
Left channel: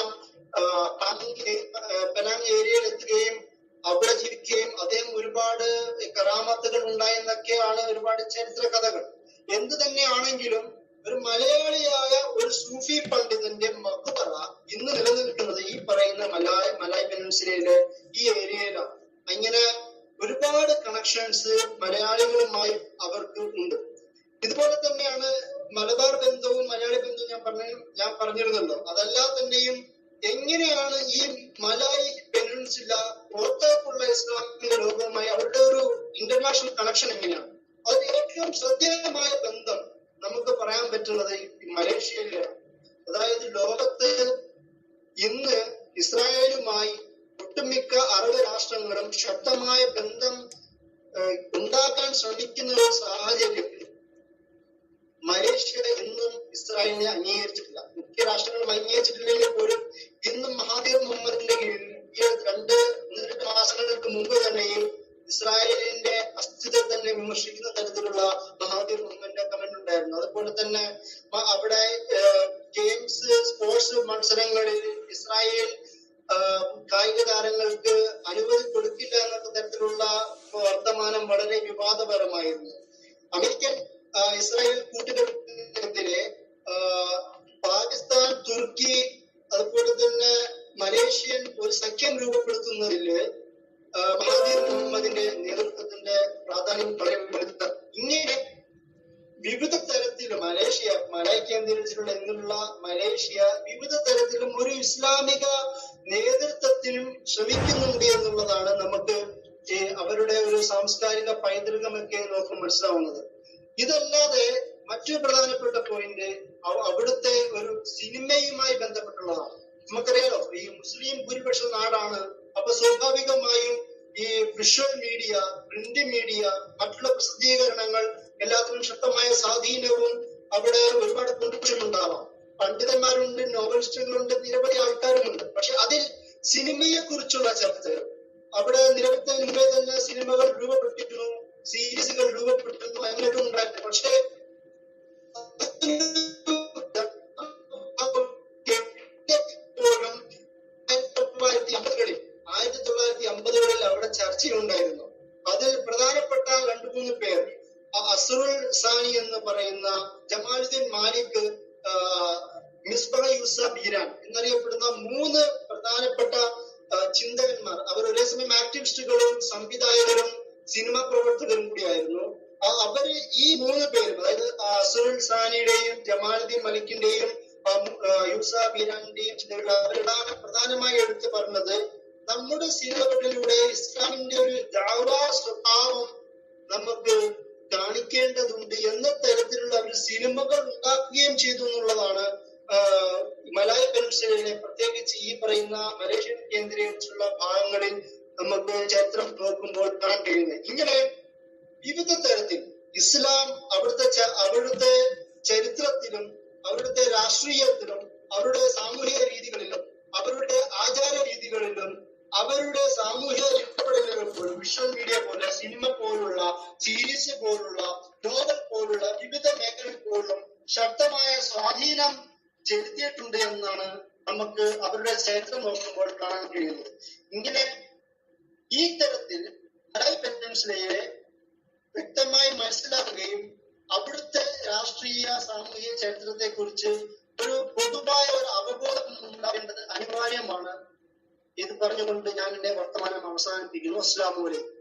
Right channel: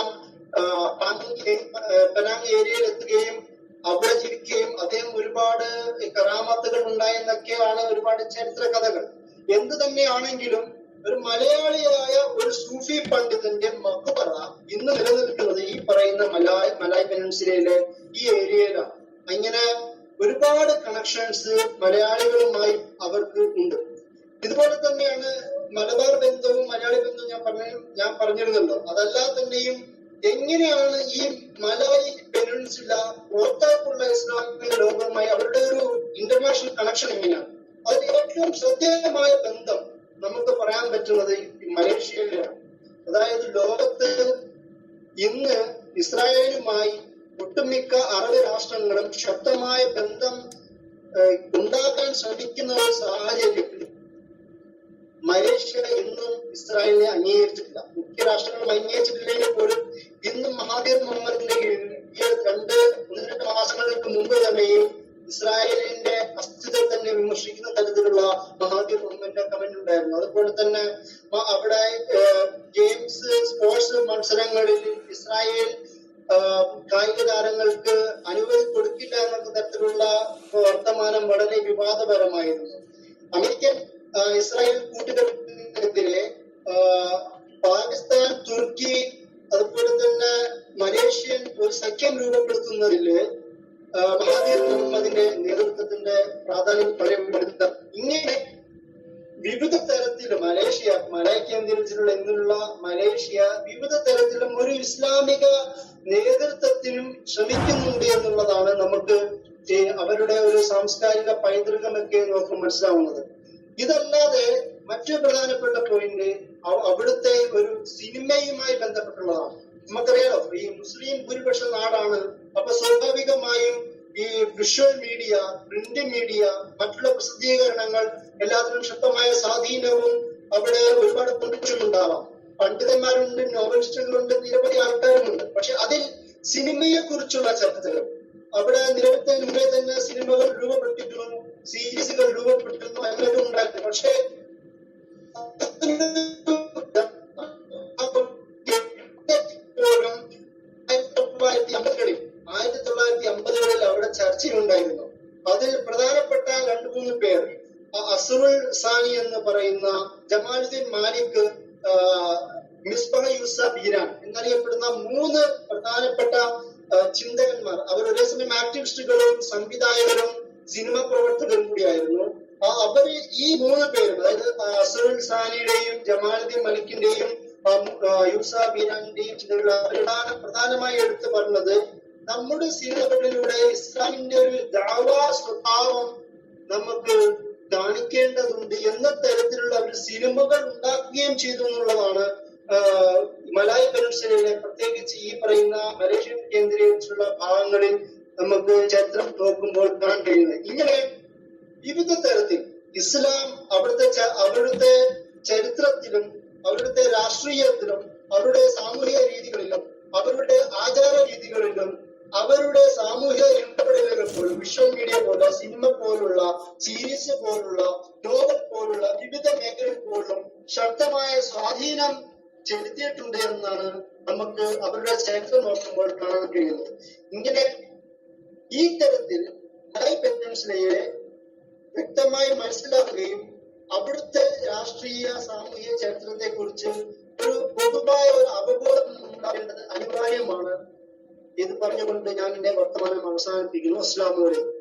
പെനാങ് ഏരിയയിൽ എത്തുകയും അവിടെ ജീവിക്കുകയും അദ്ദേഹം ഒരുപാട് കറാമത്തുകൾ ഉണ്ടായെന്നൊക്കെയാണ് ഒരുപാട് ചരിത്ര കഥകൾ. എന്ത് തന്നെയാണെങ്കിലും ഒരു മലയാളിയായ ഒരു സൂഫി പണ്ഡിതന്റെ മഖ്ബറ ഇന്ന് നിലനിൽക്കുന്നത് ഈ പറയുന്ന മലായ് പെനിൻസുലയിലെ ഈ ഏരിയയിലാണ്. അങ്ങനെ ഒരുപാട് കണക്ഷൻസ് മലയാളികളുമായി അവർക്ക് ഉണ്ട്. ഇതുപോലെ തന്നെയാണ് മലബാർ ബന്ധവും മലയാളി ബന്ധവും ഞാൻ പറഞ്ഞിരുന്നല്ലോ. അതല്ലാ തന്നെയും എങ്ങനെയാണ് ഈ മലായ് പെനിൻസുല പുറത്തേക്കുള്ള ഇസ്ലാമിക ലോകവുമായി അവരുടെ ഒരു ഇന്റർനാഷണൽ കണക്ഷൻ എങ്ങനെയാണ്? അതിന് ഏറ്റവും ശ്രദ്ധേയമായ ബന്ധം നമുക്ക് പറയാൻ പറ്റുന്നത് മലേഷ്യയിലാണ്. അതായത് ലോകത്ത് ഇന്ന് ഇസ്രായേലുമായി ഒട്ടുമിക്ക അറബ് രാഷ്ട്രങ്ങളും ശക്തമായ ബന്ധം ഉണ്ടാക്കാൻ ശ്രമിക്കുന്ന ഒരു സാഹചര്യത്തിൽ മലേഷ്യ ഇന്നും ഇസ്രായേലിനെ അംഗീകരിച്ചിട്ടില്ല. മുഖ്യ രാഷ്ട്രങ്ങളും അംഗീകരിച്ചിട്ടില്ലെങ്കിൽ പോലും ഇന്നും മഹാതീർ മുഹമ്മദിന്റെ കീഴിൽ ഈ 2 മാസങ്ങൾക്ക് മുമ്പ് തന്നെയും ഇസ്രായേലിന്റെ അസ്ഥിത്വം തന്നെ വിമർശിക്കുന്ന തരത്തിലുള്ള മഹാതീർ മുഹമ്മദിന്റെ കമന്റ് ഉണ്ടായിരുന്നു. അതുപോലെ തന്നെ അവിടെ ഗെയിംസ്, സ്പോർട്സ് മത്സരങ്ങളിൽ ഇസ്രായേൽ കായിക താരങ്ങൾക്ക് അനുമതി കൊടുക്കില്ല എന്ന തരത്തിലുള്ള വർത്തമാനം വളരെ വിവാദപരമായിരുന്നു. അമേരിക്കൻ ഇസ്രായേൽ കൂട്ടുകെട്ടിനെതിരെ പാകിസ്ഥാൻ, തുർക്കി, അതുപോലെ തന്നെ മലേഷ്യൻ ഒരു സഖ്യം രൂപപ്പെടുത്തുന്നതില് മഹാതീർ മുഹമ്മദിന്റെ നേതൃത്വത്തിന്റെ പ്രാധാന്യം വളരെ വലുതാണ്. ഇങ്ങനെ വിവിധ തരത്തിൽ മലേഷ്യ മലായ് കേന്ദ്രീകരിച്ചിട്ടുള്ള ഇന്നുള്ള മലേഷ്യ വിവിധ തരത്തിലും ഒരു ഇസ്ലാമിക നേതൃത്വത്തിനും ശ്രമിക്കുന്നുണ്ട് എന്നുള്ളതാണ് നമുക്ക് അവരുടെ ഒരു സാംസ്കാരിക പൈതൃകമൊക്കെ നോക്കുമ്പോൾ മനസ്സിലാവുന്നത്. ഇതല്ലാതെ മറ്റൊരു പ്രധാനപ്പെട്ട പോയിന്റ് അവിടുത്തെ ഒരു സിനിമയുമായി ബന്ധപ്പെട്ടുള്ളതാണ്. നമുക്കറിയാലോ, ഈ മുസ്ലിം ഭൂരിപക്ഷ നാടാണ്. അപ്പൊ സ്വാഭാവികമായും ഈ വിഷ്വൽ മീഡിയ, പ്രിന്റ് മീഡിയ, മറ്റുള്ള പ്രസിദ്ധീകരണങ്ങൾ എല്ലാത്തിനും ശക്തമായ സ്വാധീനവും അവിടെ ഒരുപാട് കോൺട്രിബ്യൂഷൻ ഉണ്ടാവാം. പണ്ഡിതന്മാരുണ്ട്, നോവലിസ്റ്റുകളുണ്ട്, നിരവധി ആൾക്കാരുമുണ്ട്. പക്ഷെ അതിൽ സിനിമയെ കുറിച്ചുള്ള ചർച്ചകൾ അവിടെ നിരവധി മുമ്പേ തന്നെ സിനിമകൾ രൂപപ്പെട്ടിരുന്നു, സീരീസുകൾ രൂപപ്പെട്ടിരുന്നു, അങ്ങനെയൊക്കെ ഉണ്ടായിരുന്നു. പക്ഷേ 1950കളിൽ അവിടെ ചർച്ചയുണ്ടായിരുന്നു. അതിൽ പ്രധാനപ്പെട്ട 2-3 പേർ, അസ്റുൽ സാനി എന്ന് പറയുന്ന ജമാലുദ്ദീൻ മാലിക്, മിസ്ബാഹ യൂസഫ് ഈരാൻ എന്നറിയപ്പെടുന്ന 3 പ്രധാനപ്പെട്ട ചിന്തകന്മാർ. അവർ ഒരേ സമയം ആക്ടിവിസ്റ്റുകളും സംവിധായകരും സിനിമാ പ്രവർത്തകരും കൂടിയായിരുന്നു. അവര് ഈ 3 പേരും, അതായത് അസ്റുൽ സാനിയുടെയും ജമാലുദ്ദീൻ മലിക്കിന്റെയും യൂസഫ് ഈരാന്റെയും ചിന്തകളാണ് പ്രധാനമായി എടുത്തു പറഞ്ഞത്. നമ്മുടെ സിനിമകളിലൂടെ ഇസ്ലാമിന്റെ ഒരു ദഅവാ സ്വഭാവം നമുക്ക് കാണിക്കേണ്ടതുണ്ട് എന്ന തരത്തിലുള്ള ഒരു സിനിമകൾ ഉണ്ടാക്കുകയും ചെയ്തു എന്നുള്ളതാണ് മലായ് പെനിൻസുലയിലെ പ്രത്യേകിച്ച് ഈ പറയുന്ന മലേഷ്യൻ കേന്ദ്രീകരിച്ചുള്ള ഭാഗങ്ങളിൽ നമുക്ക് ചരിത്രം നോക്കുമ്പോൾ കാണാൻ കഴിയുന്നത്. ഇങ്ങനെ വിവിധ തരത്തിൽ ഇസ്ലാം അവിടുത്തെ ചരിത്രത്തിലും അവരുടെ രാഷ്ട്രീയത്തിലും അവരുടെ സാമൂഹിക രീതികളിലും അവരുടെ ആചാര രീതികളിലും അവരുടെ സാമൂഹിക ഇടപെടലുകൾ പോലും വിഷ്വൽ മീഡിയ പോലെ, സിനിമ പോലുള്ള, സീരീസ് പോലുള്ള, നോവൽ പോലുള്ള വിവിധ മേഖലകളിൽ പോലും ശക്തമായ സ്വാധീനം ചെലുത്തിയിട്ടുണ്ട് എന്നാണ് നമുക്ക് അവരുടെ ചരിത്രം നോക്കുമ്പോൾ കാണാൻ കഴിയുന്നത്. ഇങ്ങനെ ഈ തരത്തിൽ മലായ് പെനിൻസുലയെ വ്യക്തമായി മനസ്സിലാക്കുകയും അവിടുത്തെ രാഷ്ട്രീയ സാമൂഹിക ചരിത്രത്തെ കുറിച്ച് ഒരു പൊതുവായ ഒരു അവബോധം ഉണ്ടാകേണ്ടത് അനിവാര്യമാണ്. ഇത് പറഞ്ഞുകൊണ്ട് ഞാൻ എന്റെ വർത്തമാനം അവസാനിപ്പിക്കുന്നു. അസ്സലാമു അലൈക്കും.